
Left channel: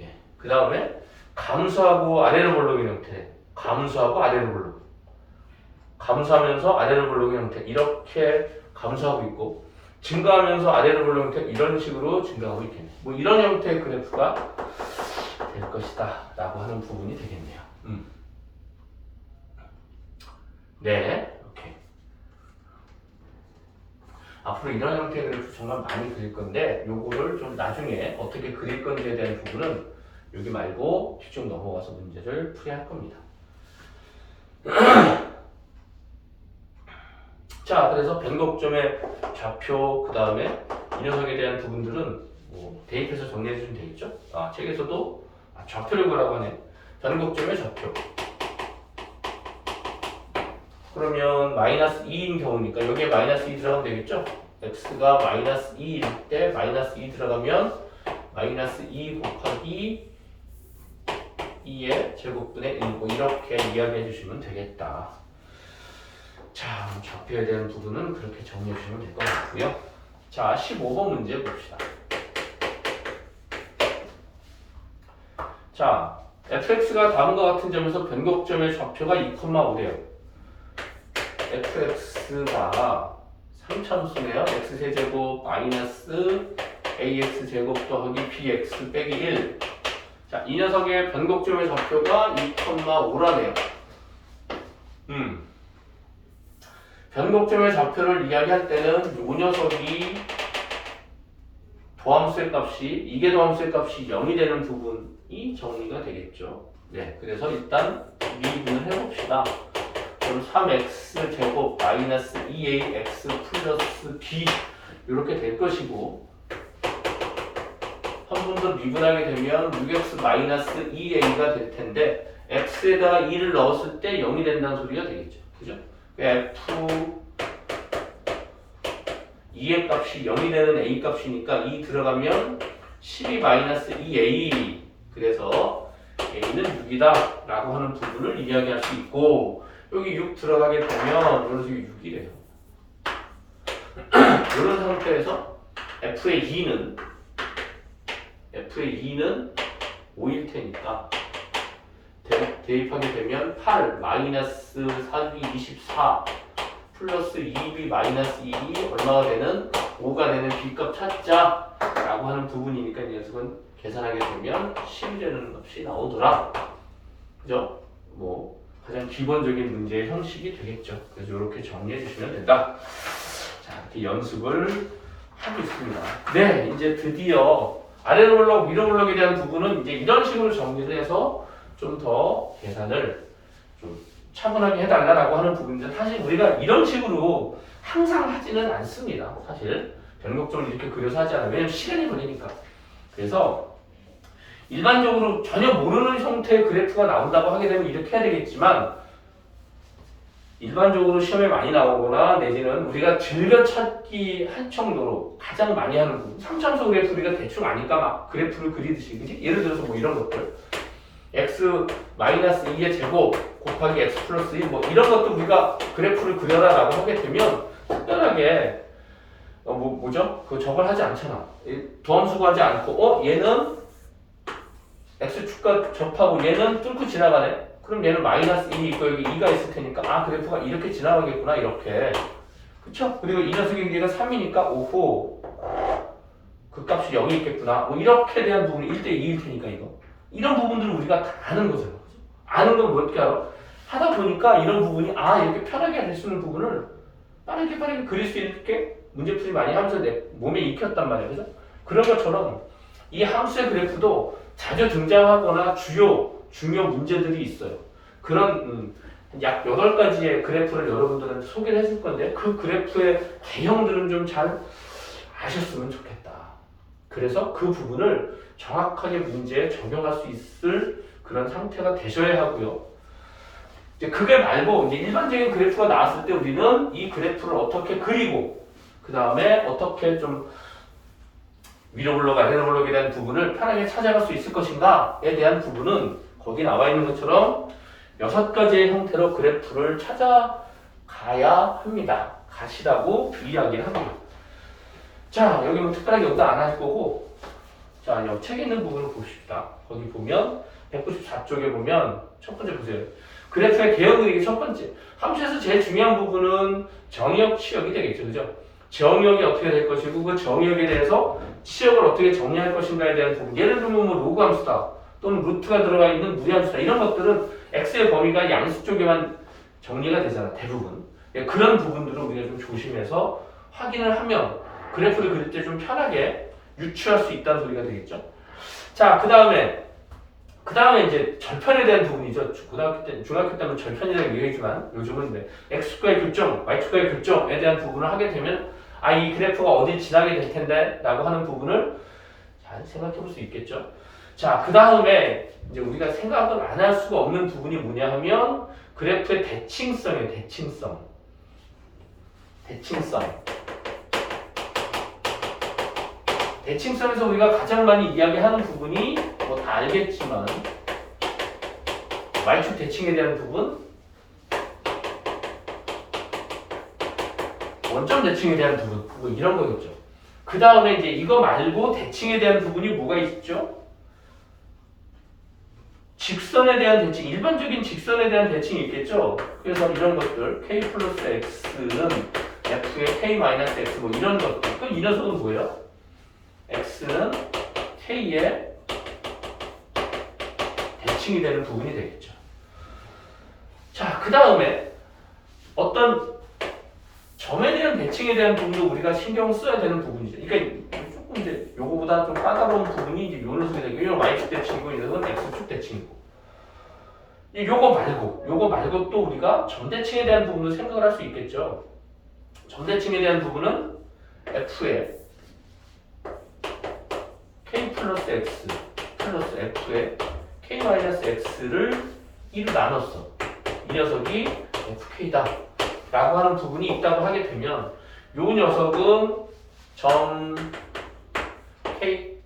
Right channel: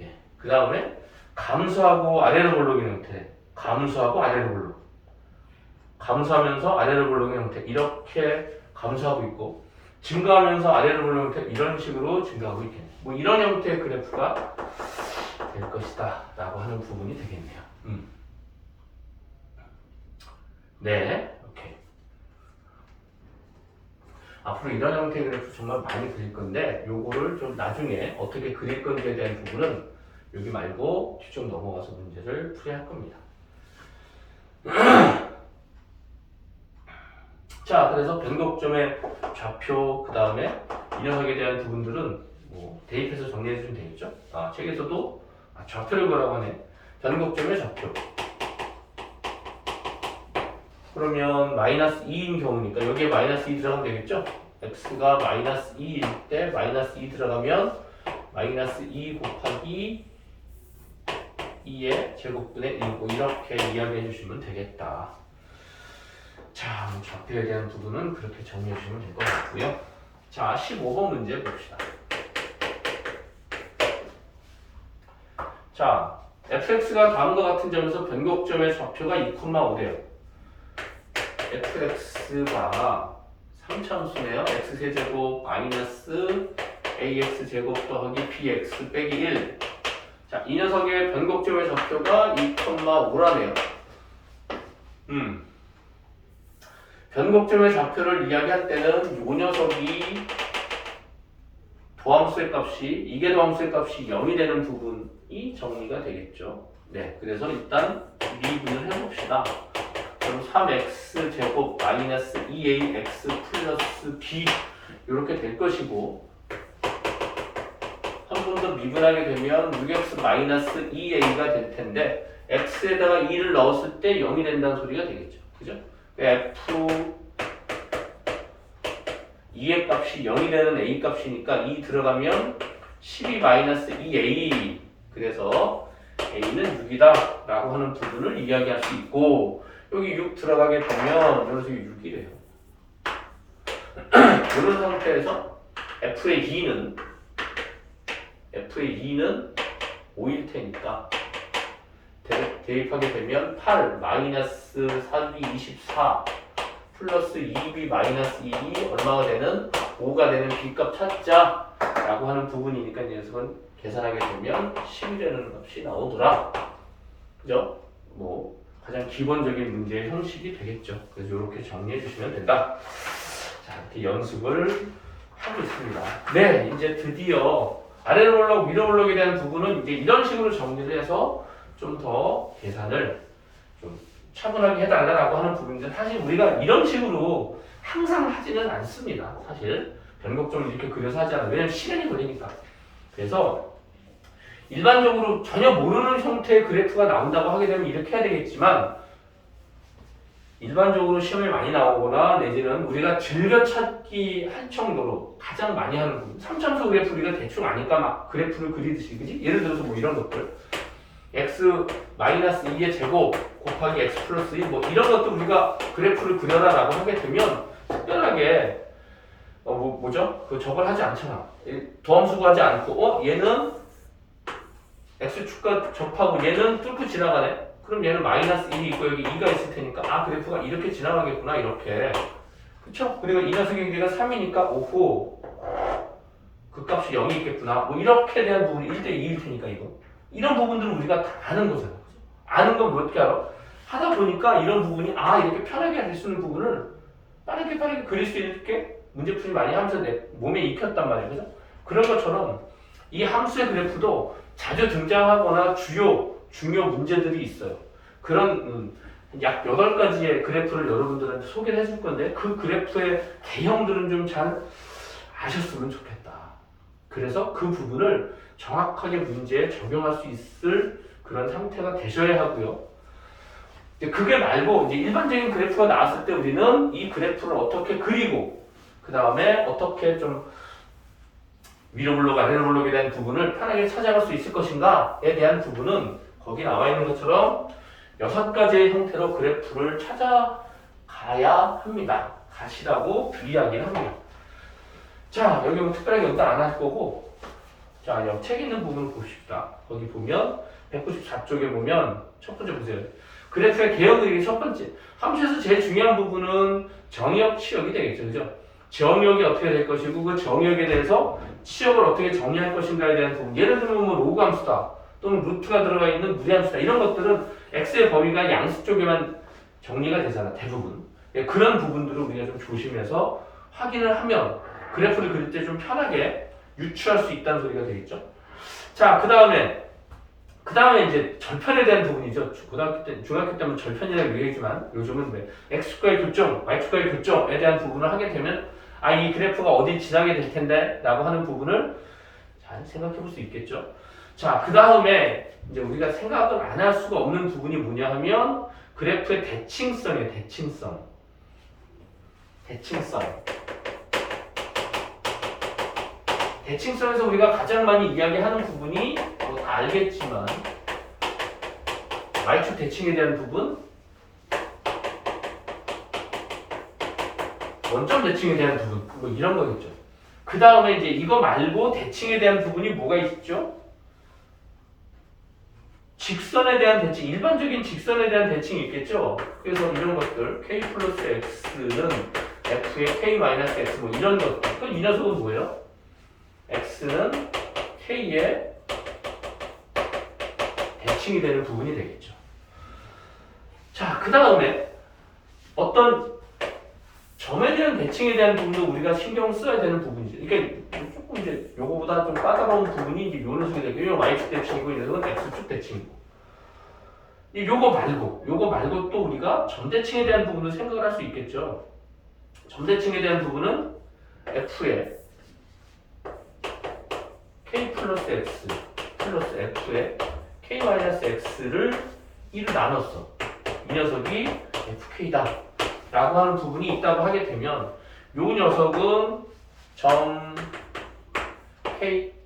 예. 그 다음에 감소하고 아래로 볼록인 형태, 감소하고 아래로 볼록, 감소하면서 아래로 볼록인 형태 이렇게 감소하고 있고, 증가하면서 아래로 볼록인 형태 이런 식으로 증가하고 있겠네요. 뭐 이런 형태의 그래프가 될 것이다 라고 하는 부분이 되겠네요. 네, 오케이. 앞으로 이런 형태의 그래프 정말 많이 그릴 건데 요거를 좀 나중에 어떻게 그릴 건지에 대한 부분은 여기 말고 뒤쪽 넘어가서 문제를 풀이할 겁니다. 자, 그래서 변곡점의 좌표, 그 다음에 이 녀석에 대한 부분들은 뭐 대입해서 정리해 주시면 되겠죠? 책에서도 좌표를 구하라고 하네. 변곡점의 좌표. 그러면 마이너스 2인 경우니까 여기에 마이너스 2 들어가면 되겠죠? x가 마이너스 2일 때 마이너스 2 들어가면 마이너스 2 곱하기 2의 제곱분의 1, 뭐 이렇게 이야기해 주시면 되겠다. 자, 좌표에 대한 부분은 그렇게 정리해 주시면 될 것 같고요. 자, 15번 문제 봅시다. 자, fx가 다음과 같은 점에서 변곡점의 좌표가 2,5래요. fx가 3참수네요. x세제곱 마이너스 ax제곱 더하기 bx 빼기 1. 자, 이 녀석의 변곡점의 좌표가 2,5라네요. 변곡점의 좌표를 이야기할 때는 이 녀석이 도함수의 값이, 이게 도함수의 값이 0이 되는 부분이 정리가 되겠죠. 네, 그래서 일단 미분을 해봅시다. 그럼 3x 제곱 마이너스 2ax 플러스 b 이렇게 될 것이고, 한 번 더 미분하게 되면 6x 마이너스 2a가 될 텐데 x에다가 2를 넣었을 때 0이 된다는 소리가 되겠죠. 그죠? f 2의 값이 0이 되는 a 값이니까 2 들어가면 12 마이너스 2a, 그래서 a는 6이다 라고 하는 부분을 이야기할 수 있고, 여기 6 들어가게 되면 이런 식이 6이래요. 이런 상태에서 f의 2는 5일 테니까 대입하게 되면 8 마이너스 4b 24 플러스 2b 마이너스 2b 얼마가 되는 5가 되는 b값 찾자 라고 하는 부분이니까 이 녀석은 계산하게 되면 10이 되는 값이 나오더라. 그죠? 뭐 가장 기본적인 문제의 형식이 되겠죠. 그래서 이렇게 정리해 주시면 된다. 자, 이렇게 연습을 하고 있습니다. 네, 이제 드디어 아래로 볼록, 위로 볼록에 대한 부분은 이제 이런 식으로 정리를 해서 좀 더 계산을 좀 차분하게 해달라고 하는 부분인데, 사실 우리가 이런 식으로 항상 하지는 않습니다. 사실 변곡점을 이렇게 그려서 하지 않아요. 왜냐면 시간이 걸리니까. 그래서 일반적으로 전혀 모르는 형태의 그래프가 나온다고 하게 되면 이렇게 해야 되겠지만, 일반적으로 시험에 많이 나오거나 내지는 우리가 즐겨찾기 할 정도로 가장 많이 하는 부분, 3참수 그래프 우리가 대충 아니까 막 그래프를 그리듯이, 그지? 예를 들어서 뭐 이런 것들, x 마이너스 2의 제곱 곱하기 x 플러스 1, 뭐 이런 것도 우리가 그래프를 그려라 라고 하게 되면 특별하게 뭐죠? 저걸 하지 않잖아. 도함수가 하지 않고 얘는 x축과 접하고 얘는 뚫고 지나가네. 그럼 얘는 마이너스 1이 있고 여기 2가 있을 테니까 그래프가 이렇게 지나가겠구나, 이렇게. 그쵸? 그리고 이 녀석의 길이가 3이니까 오호, 그 값이 0이 있겠구나, 뭐 이렇게 대한 부분이 1대 2일 테니까 이런 부분들을 우리가 다 아는 거잖아. 아는 건 뭐 어떻게 알아? 하다 보니까 이런 부분이 이렇게 편하게 할 수 있는 부분을 빠르게 그릴 수 있게 문제풀이 많이 하면서 내 몸에 익혔단 말이에요. 그죠? 그런 것처럼 이 함수의 그래프도 자주 등장하거나 중요 문제들이 있어요. 그런 약 8가지의 그래프를 여러분들한테 소개를 해줄 건데, 그 그래프의 개형들은 좀 잘 아셨으면 좋겠다. 그래서 그 부분을 정확하게 문제에 적용할 수 있을 그런 상태가 되셔야 하고요. 그게 말고 이제 일반적인 그래프가 나왔을 때 우리는 이 그래프를 어떻게 그리고, 그 다음에 어떻게 좀 위로 블록, 아래로 블록에 대한 부분을 편하게 찾아갈 수 있을 것인가에 대한 부분은 거기 나와 있는 것처럼 6가지의 형태로 그래프를 찾아가 가야 합니다. 가시라고 이야기를 합니다. 자, 여기 뭐 특별하게 연다 안 할 거고, 자, 여기 책 있는 부분을 봅시다. 거기 보면 194쪽에 보면 첫 번째 보세요. 그래프의 개형 그리기 첫 번째. 함수에서 제일 중요한 부분은 정의역, 치역이 되겠죠. 그죠? 정의역이 어떻게 될 것이고 그 정의역에 대해서 치역을 어떻게 정리할 것인가에 대한 부분. 예를 들면 뭐 로그 함수다. 또는 루트가 들어가 있는 무리함수다. 이런 것들은 x의 범위가 양수 쪽에만 정리가 되잖아. 대부분. 그런 부분들을 우리가 좀 조심해서 확인을 하면 그래프를 그릴 때 좀 편하게 유추할 수 있다는 소리가 되겠죠. 자, 그 다음에 이제 절편에 대한 부분이죠. 중학교 때는 절편이라고 얘기했지만 요즘은 네, x축과의 교점, y축과의 교점에 대한 부분을 하게 되면 이 그래프가 어디 지나게 될 텐데 라고 하는 부분을 잘 생각해 볼 수 있겠죠. 자, 그 다음에 이제 우리가 생각을 안 할 수가 없는 부분이 뭐냐 하면 그래프의 대칭성이에요. 대칭성에서 우리가 가장 많이 이야기하는 부분이 뭐 다 알겠지만 y축 대칭에 대한 부분, 원점 대칭에 대한 부분, 뭐 이런 거겠죠. 그 다음에 이제 이거 말고 대칭에 대한 부분이 뭐가 있죠? 직선에 대한 대칭, 일반적인 직선에 대한 대칭이 있겠죠. 그래서 이런 것들, k 플러스 x는 f의 k 마이너스 x 뭐 이런 것들. 그럼 이 녀석은 뭐예요? x는 k의 대칭이 되는 부분이 되겠죠. 자, 그 다음에 어떤 점에 대한 대칭에 대한 부분도 우리가 신경 써야 되는 부분이죠. 그러니까 조금 이제 요거보다 좀 까다로운 부분이 이제 요 녀석이 되고, 이건 y축 대칭이고, 이 녀석은 x축 대칭이고. 요거 말고 또 우리가 점 대칭에 대한 부분도 생각을 할 수 있겠죠. 점 대칭에 대한 부분은 f의 k 플러스 x 플러스 f의 k 마이너스 x를 2로 나눴어. 이 녀석이 fk다 라고 하는 부분이 있다고 하게 되면 요 녀석은 점 k,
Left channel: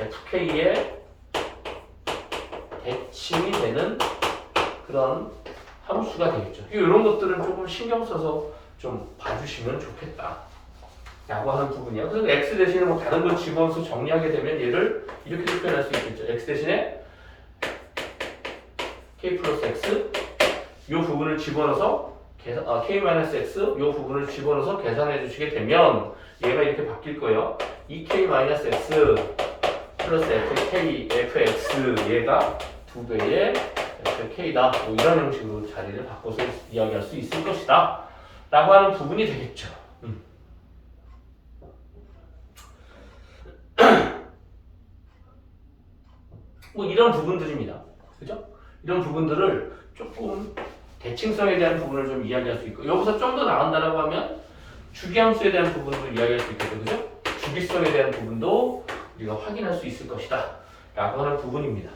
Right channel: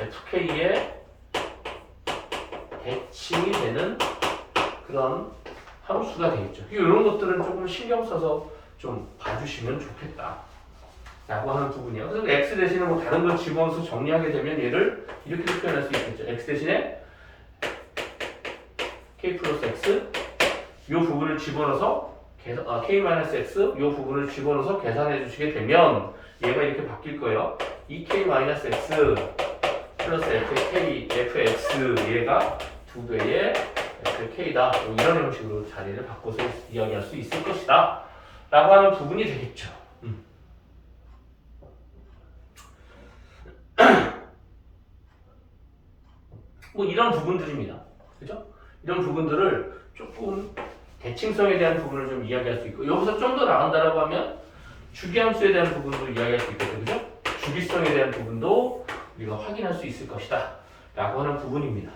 fk의 대칭이 되는 그런 함수가 되겠죠. 이런 것들은 조금 신경 써서 좀 봐주시면 좋겠다 라고 하는 부분이야. 그래서 x 대신에 뭐 다른 걸 집어넣어서 정리하게 되면 얘를 이렇게 표현할 수 있겠죠. x 대신에 k 플러스 x 이 부분을 집어넣어서 k-x 이 부분을 집어넣어서 계산해 주시게 되면 얘가 이렇게 바뀔 거예요. 2k-x 플러스 fx 얘가 2배의 fk다. 이런 형식으로 자리를 바꿔서 이야기할 수 있을 것이다 라고 하는 부분이 되겠죠. 뭐 이런 부분들입니다. 그죠? 이런 부분들을 조금 대칭성에 대한 부분을 좀 이야기할 수 있고, 여기서 좀 더 나간다라고 하면 주기함수에 대한 부분도 이야기할 수 있겠죠. 그죠? 주기성에 대한 부분도 우리가 확인할 수 있을 것이다 라고 하는 부분입니다.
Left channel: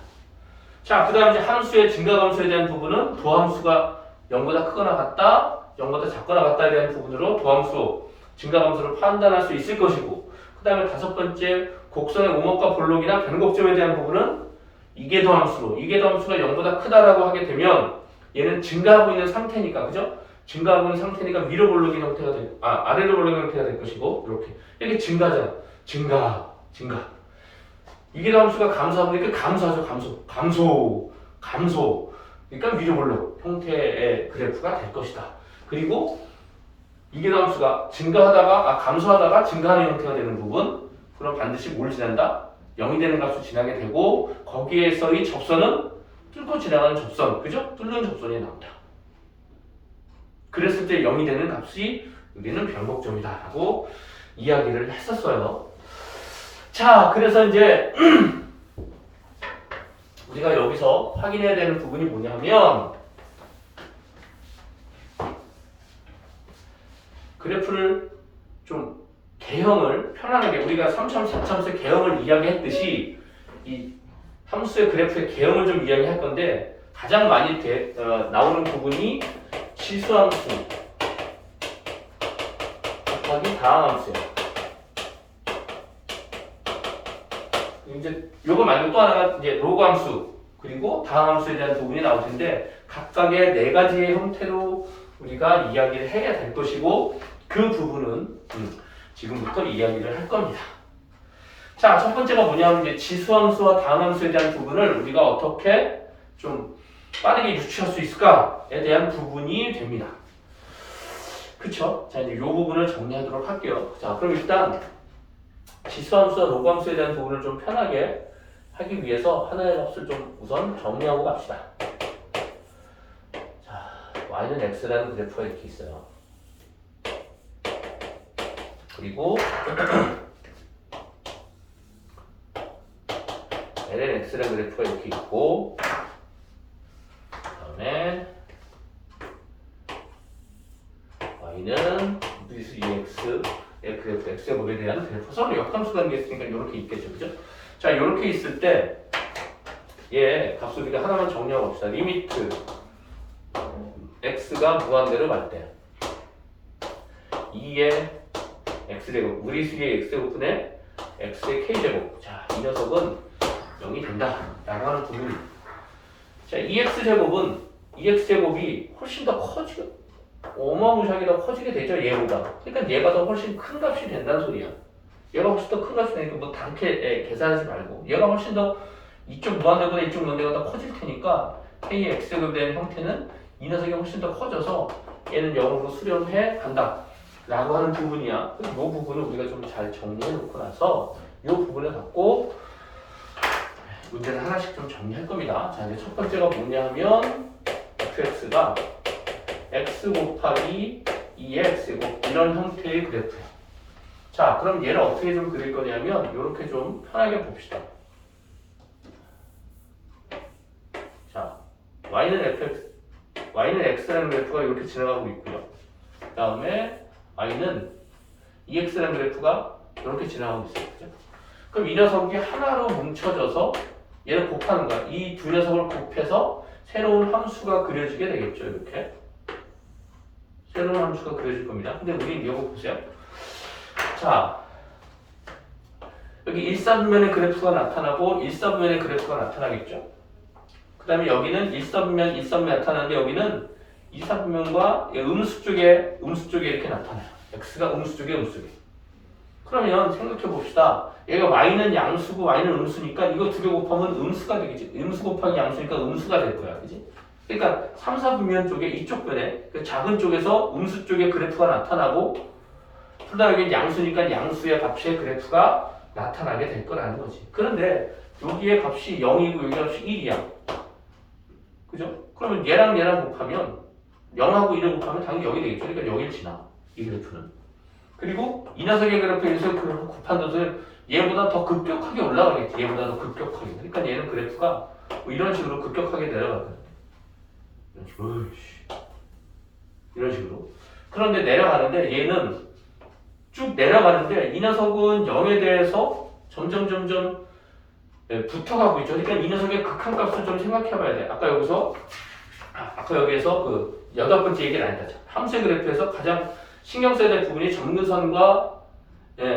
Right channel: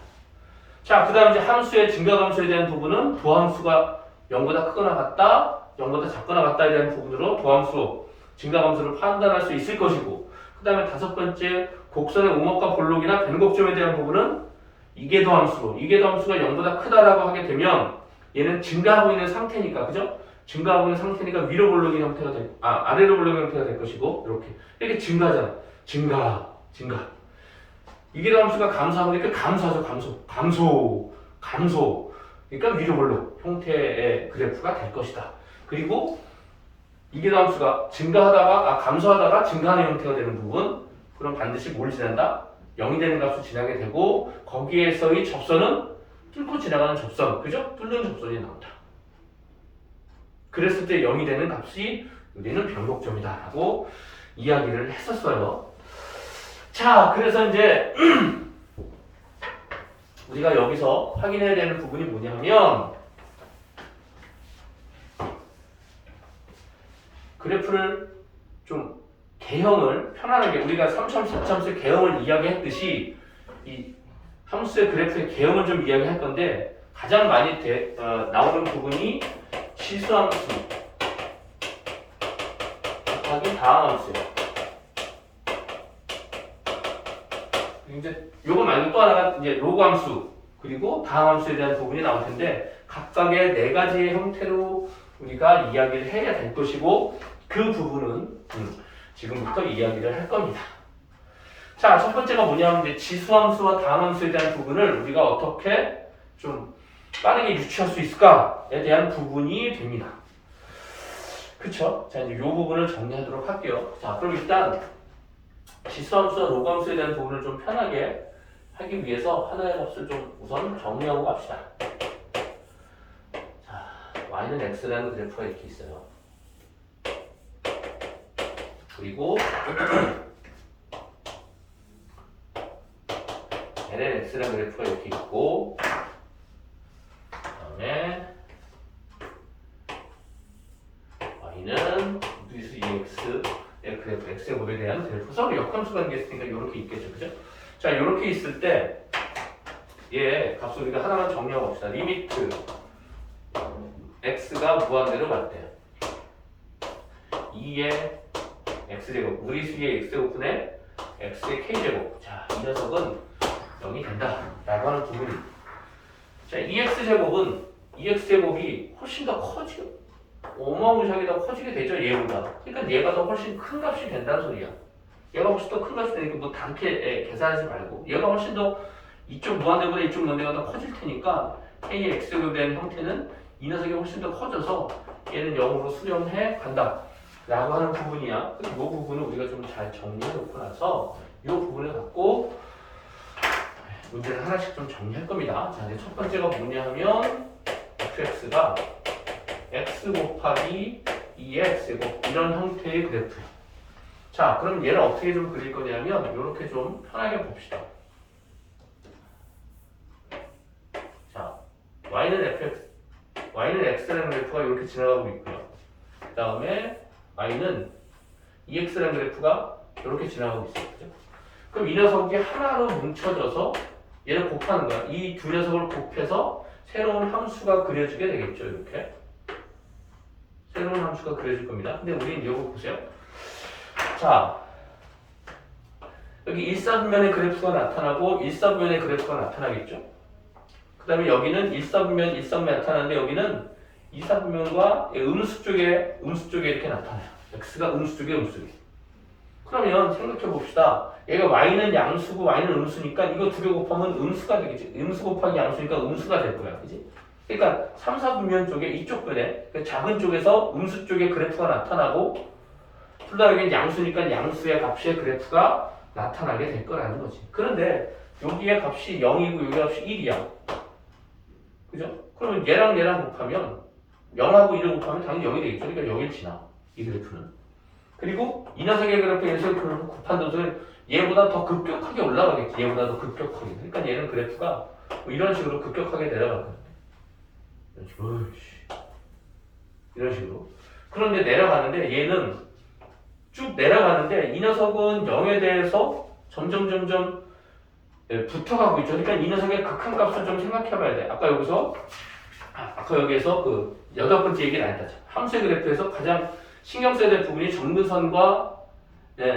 자, 그 다음 이제 함수의 증가함수에 대한 부분은 도함수가 0보다 크거나 같다, 0보다 작거나 같다에 대한 부분으로 도함수, 증가함수를 판단할 수 있을 것이고, 그 다음에 다섯 번째 곡선의 오목과 볼록이나 변곡점에 대한 부분은 이계도함수로, 이계도함수가 0보다 크다라고 하게 되면 얘는 증가하고 있는 상태니까, 그죠? 증가하고 있는 상태니까 위로 볼록인 형태가 될, 아래로 볼록인 형태가 될 것이고, 이렇게 증가하잖아. 증가. 이계도함수가 감소하니까 감소하죠. 감소. 그러니까 위로 볼록 형태의 그래프가 될 것이다. 그리고 이계도함수가 감소하다가 증가하는 형태가 되는 부분, 그럼 반드시 뭘 지난다? 0이 되는 값을 지나게 되고, 거기에서의 접선은 뚫고 지나가는 접선, 그죠? 뚫는 접선이 나온다. 그랬을 때 0이 되는 값이 우리는 변곡점이다 라고 이야기를 했었어요. 자, 그래서 이제 우리가 여기서 확인해야 되는 부분이 뭐냐 하면, 그래프를 좀 개형을 편안하게, 우리가 3차, 4차함수의 개형을 이야기했듯이 이 함수의 그래프의 개형을 좀 이야기할 건데, 가장 많이 나오는 부분이 지수함수 곱하기 다항함수예요. 이제 요거 말고 또 하나가 이제 로그함수 그리고 다항함수에 대한 부분이 나올 텐데, 각각의 네 가지의 형태로 우리가 이야기를 해야 될 것이고 그 부분은 지금부터 이야기를 할 겁니다. 자, 첫 번째가 뭐냐면 이제 지수함수와 다함수에 대한 부분을 우리가 어떻게 좀 빠르게 유추할 수 있을까에 대한 부분이 됩니다. 그쵸? 자, 이제 이 부분을 정리하도록 할게요. 자, 그럼 일단 지수함수와 로그함수에 대한 부분을 좀 편하게 하기 위해서 하나의 값을 좀 우선 정리하고 갑시다. 자, y는 x라는 그래프가 이렇게 있어요. 그리고 ln x라는 그래프가 이렇게 있고 그다음에 y는 무리수 2x의 그래프, x의 곱에 대한 그래프 서로 역함수 관계가 있으니까 이렇게 있겠죠, 그죠? 자, 이렇게 있을 때 얘 값을 우리가 하나만 정리하고 봅시다. 리미트 x가 무한대로 갈 때 2의 x제곱, 무리수의 x제곱분의 x의 k제곱. 자, 이 녀석은 0이 된다 라고 하는 부분입니다. 자, 2x제곱이 훨씬 더 커지고 어마무시하게 더 커지게 되죠, 얘보다. 그러니까 얘가 더 훨씬 큰 값이 된다는 소리야. 얘가 훨씬 더 큰 값이 되니까 뭐 다르게 계산하지 말고 얘가 훨씬 더 이쪽 무한대보다 이쪽 무한대가 더 커질 테니까 k의 x제곱에 대한 형태는 이 녀석이 훨씬 더 커져서 얘는 0으로 수렴해 간다 라고 하는 부분이야. 그래서 이 부분을 우리가 좀 잘 정리해 놓고 나서 이 부분을 갖고 문제를 하나씩 좀 정리할 겁니다. 자, 이제 첫 번째가 뭐냐 하면 fx가 x 곱하기 2의 x제곱 이런 형태의 그래프예요. 자, 그럼 얘를 어떻게 좀 그릴 거냐면 이렇게 좀 편하게 봅시다. 자, y는 x라는 그래프가 이렇게 지나가고 있고요. 그 다음에 y는 2x라는 그래프가 이렇게 지나가고 있어요. 그죠? 그럼 이 녀석이 하나로 뭉쳐져서 얘를 곱하는 거야. 이 두 녀석을 곱해서 새로운 함수가 그려지게 되겠죠. 이렇게. 새로운 함수가 그려질 겁니다. 근데 우린 이거 보세요. 자, 여기 1사분면의 그래프가 나타나고 1사분면의 그래프가 나타나겠죠. 그 다음에 여기는 1사분면, 1사분면이 나타나는데 여기는 2사분면과 음수 쪽에 이렇게 나타나요. x가 음수 쪽에 음수 쪽에. 그러면 생각해 봅시다. 얘가 y는 양수고 y는 음수니까 이거 두 개 곱하면 음수가 되겠지. 음수 곱하기 양수니까 음수가 될 거야. 그지? 그러니까 3, 4분면 쪽에 이쪽 변에 그 작은 쪽에서 음수 쪽에 그래프가 나타나고 둘 다 여기는 양수니까 양수의 값의 그래프가 나타나게 될 거라는 거지. 그런데 여기의 값이 0이고 여기 값이 1이야. 그죠? 그러면 얘랑 곱하면 0하고 1을 곱하면 당연히 0이 되겠죠. 그러니까 0일 지나. 이 그래프는. 그리고 이 녀석의 그래프에서 곱한 것을 얘보다 더 급격하게 올라가겠지. 얘보다 더 급격하게. 그러니까 얘는 그래프가 뭐 이런 식으로 급격하게 내려갈 거야. 이런 식으로. 그런데 내려가는데 얘는 쭉 내려가는데 이 녀석은 0에 대해서 점점 붙어가고 있죠. 그러니까 이 녀석의 극한값을 좀 생각해봐야 돼. 아까 여기서 그 8번째 얘기를 안 했다. 함수의 그래프에서 가장 신경 써야 될 부분이 점근선과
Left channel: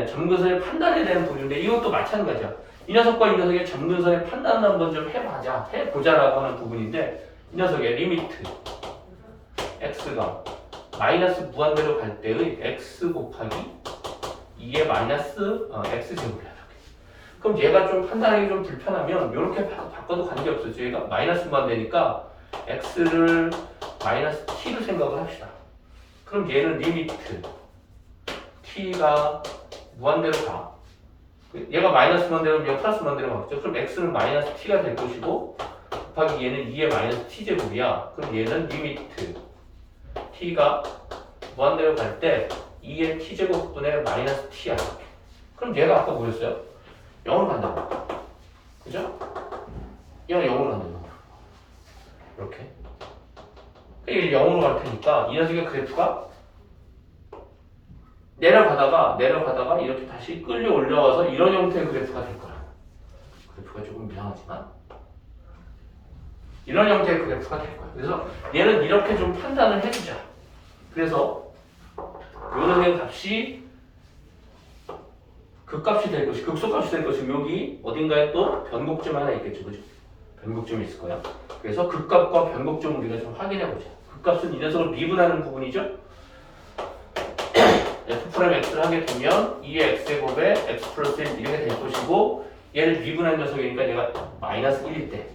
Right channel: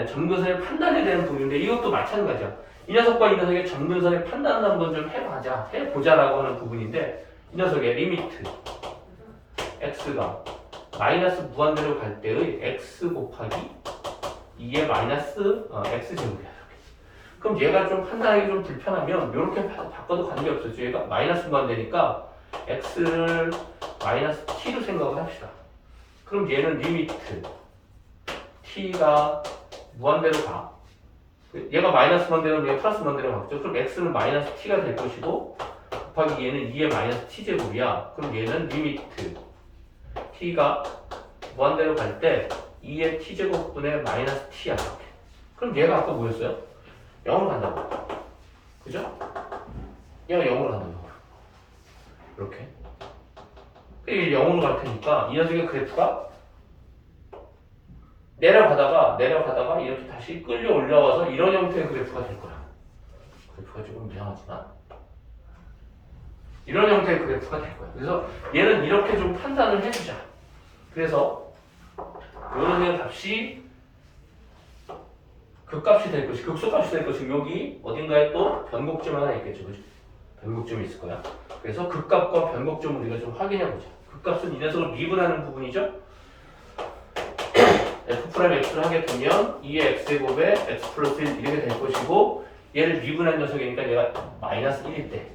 점근선의 판단에 대한 부분인데 이것도 마찬가지야. 이 녀석과 이 녀석의 점근선의 판단을 한번 좀 해보자라고 하는 부분인데 이 녀석의 리미트 x가 마이너스 무한대로 갈 때의 x 곱하기 2의 마이너스 x제곱이야. 그럼 얘가 좀 판단하기 좀 불편하면 이렇게 바꿔도 관계없어요. 얘가 마이너스 무한대니까 x를 마이너스 t로 생각을 합시다. 그럼 얘는 리미트 t가 무한대로 가. 얘가 마이너스 무한대로 하면 플러스 무한대로 가겠죠. 그럼 x는 마이너스 t가 될 것이고 곱하기 얘는 2의 마이너스 t제곱이야. 그럼 얘는 리미트 t가 무한대로 갈 때 2의 t제곱분의 마이너스 t야. 이렇게. 그럼 얘가 아까 뭐였어요? 0으로 간다고. 그죠? 얘가 0으로 간다고. 이렇게. 이게 0으로 갈 테니까 이 녀석의 그래프가 내려가다가 이렇게 다시 끌려 올라와서 이런 형태의 그래프가 될 거야. 그래프가 조금 이상하지만 이런 형태의 그래프가 될 거야. 그래서 얘는 이렇게 좀 판단을 해주자. 그래서 요놈의 값이 극값이 될 것이 극소값이 될 것이 여기 어딘가에 또 변곡점 하나 있겠죠, 그죠? 변곡점이 있을 거야. 그래서 극값과 변곡점을 우리가 좀 확인해 보자. 극값은 이 녀석을 미분하는 부분이죠. f'x를 하게 되면 2의 x제곱에 x 플러스 1 이렇게 될 것이고, 얘를 미분한 녀석이니까 얘가 마이너스 1일 때,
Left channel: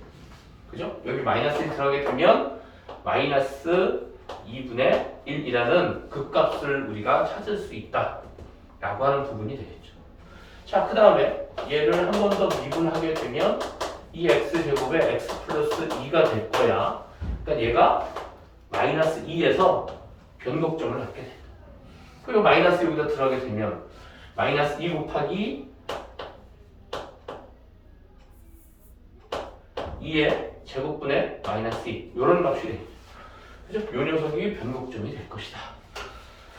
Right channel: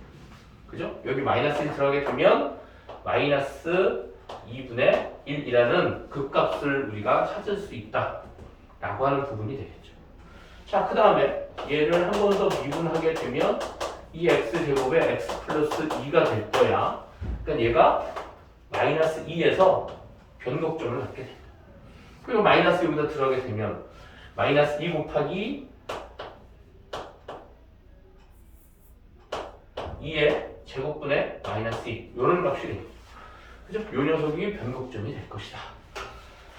그죠? 여기 마이너스 1 들어가게 되면 마이너스 2분의 1이라는 극값을 우리가 찾을 수 있다 라고 하는 부분이 되겠죠. 자, 그 다음에 얘를 한 번 더 미분하게 되면 2x제곱에 x 플러스 2가 될 거야. 그러니까 얘가 마이너스 2에서 변곡점을 갖게 된다. 그리고 마이너스 여기다 들어가게 되면 마이너스 2 곱하기 2의 제곱분의 마이너스 2 이런 값이 되겠죠. 그죠? 요 녀석이 변곡점이 될 것이다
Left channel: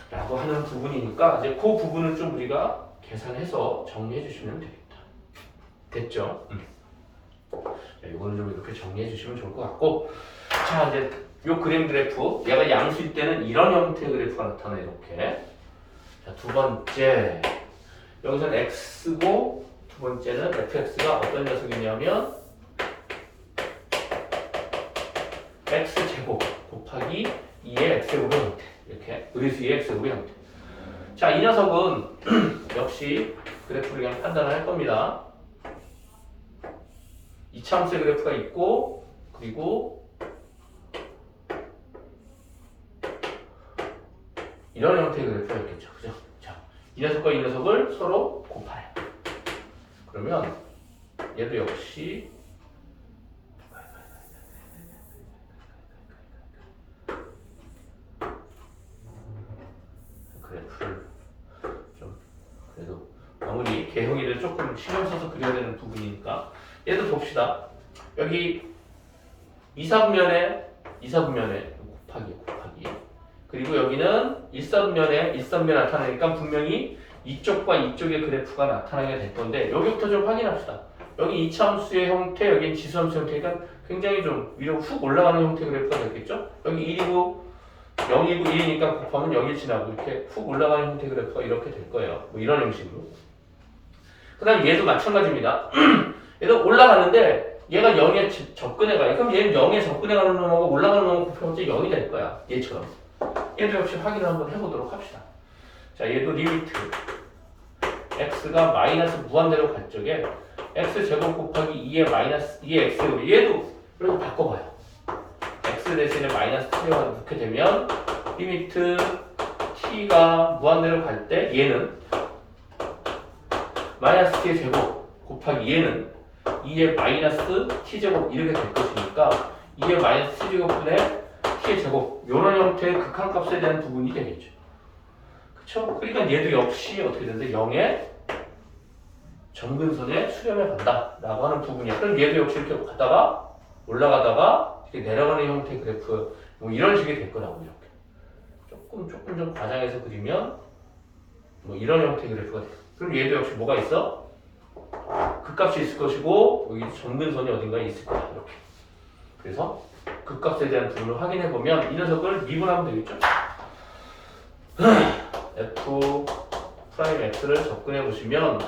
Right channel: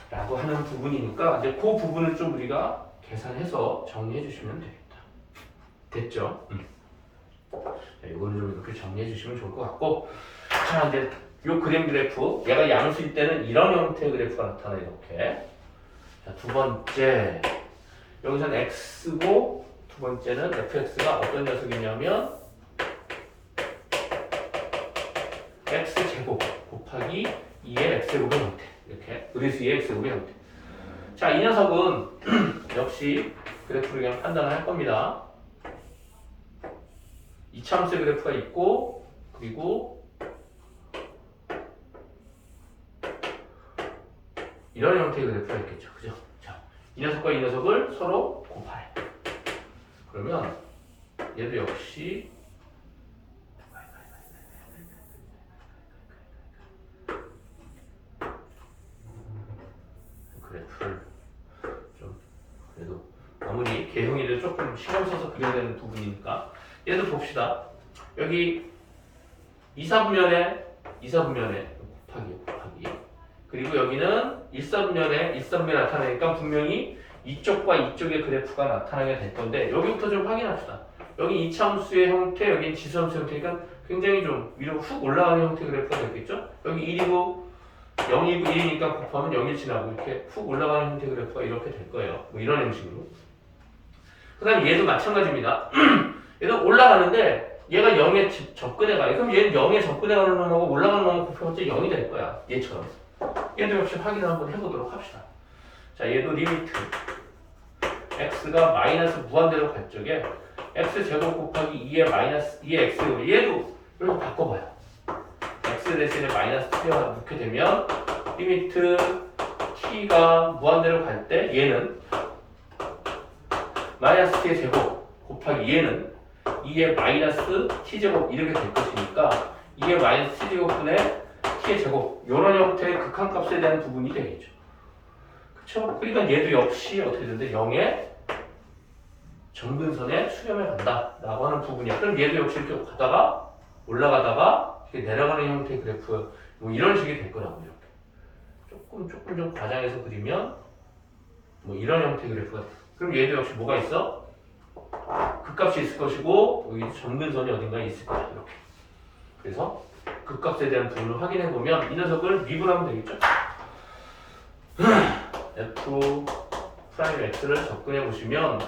라고 하는 부분이니까 이제 그 부분을 좀 우리가 계산해서 정리해 주시면 되겠다. 됐죠? 자, 요거는 좀 이렇게 정리해 주시면 좋을 것 같고, 자, 이제 요 그림 그래프, 얘가 양수일 때는 이런 형태의 그래프가 나타나. 이렇게. 자, 두 번째, 여기서는 x고 두 번째는 fx가 어떤 녀석이냐면 x제곱 곱하기 2의 x제곱의 형태. 이렇게 그래서 2의 x제곱의 형태. 자, 이 녀석은 역시 그래프를 그냥 판단을 할 겁니다. 이차함수의 그래프가 있고, 그리고 이런 형태의 그래프가 있겠죠. 그죠? 자, 이 녀석과 이 녀석을 서로 곱해. 그러면 얘도 역시 그래프를 좀 그래도 마무리 개형이를 조금 신경 써서 그려야 되는 부분이니까 얘도 봅시다. 여기 2사분면에 곱하기 그리고 여기는 1사분면에 나타나니까 분명히 이쪽과 이쪽의 그래프가 나타나게 될 건데, 여기부터 좀 확인합시다. 여기 이차함수의 형태, 여기는 지수함수 형태니까 굉장히 좀 위로 훅 올라가는 형태의 그래프가 되겠죠. 여기 1이고 0이고 1이니까 곱하면 0일 지나고 이렇게 훅 올라가는 형태의 그래프가 이렇게 될 거예요. 뭐 이런 형식으로. 그 다음 얘도 마찬가지입니다. 얘도 올라가는데 얘가 0에 접근해 가요. 그럼 얘는 0에 접근해 가는 놈하고 올라가는 놈하고 곱하면 0이 될 거야. 얘처럼. 얘도 역시 확인을 한번 해보도록 합시다. 자, 얘도 리미트 x가 마이너스 무한대로 갈 적에 x제곱 곱하기 2의 마이너스 2의 x제곱, 얘도 이렇게 바꿔봐요. x 대신에 마이너스 t가 넣게 되면 리미트 t가 무한대로 갈 때 얘는 마이너스 t의 제곱 곱하기 얘는 2의 마이너스 t제곱 이렇게 될 것이니까 2의 마이너스 t제곱분의 t의 제곱, 이런 형태의 극한값에 대한 부분이 되겠죠. 그렇죠? 그러니까 얘도 역시 어떻게 되는데 0의 점근선에 수렴해 간다 라고 하는 부분이야. 그럼 얘도 역시 이렇게 가다가 올라가다가 이렇게 내려가는 형태의 그래프, 뭐 이런 식이 될 거라고. 이렇게 조금 좀 과장해서 그리면 뭐 이런 형태의 그래프가 돼. 그럼 얘도 역시 뭐가 있어? 극값이 있을 것이고 여기 점근선이 어딘가에 있을 거야. 이렇게. 그래서 극값에 대한 부분을 확인해 보면 이 녀석을 미분하면 되겠죠. f 프라임 x를 접근해 보시면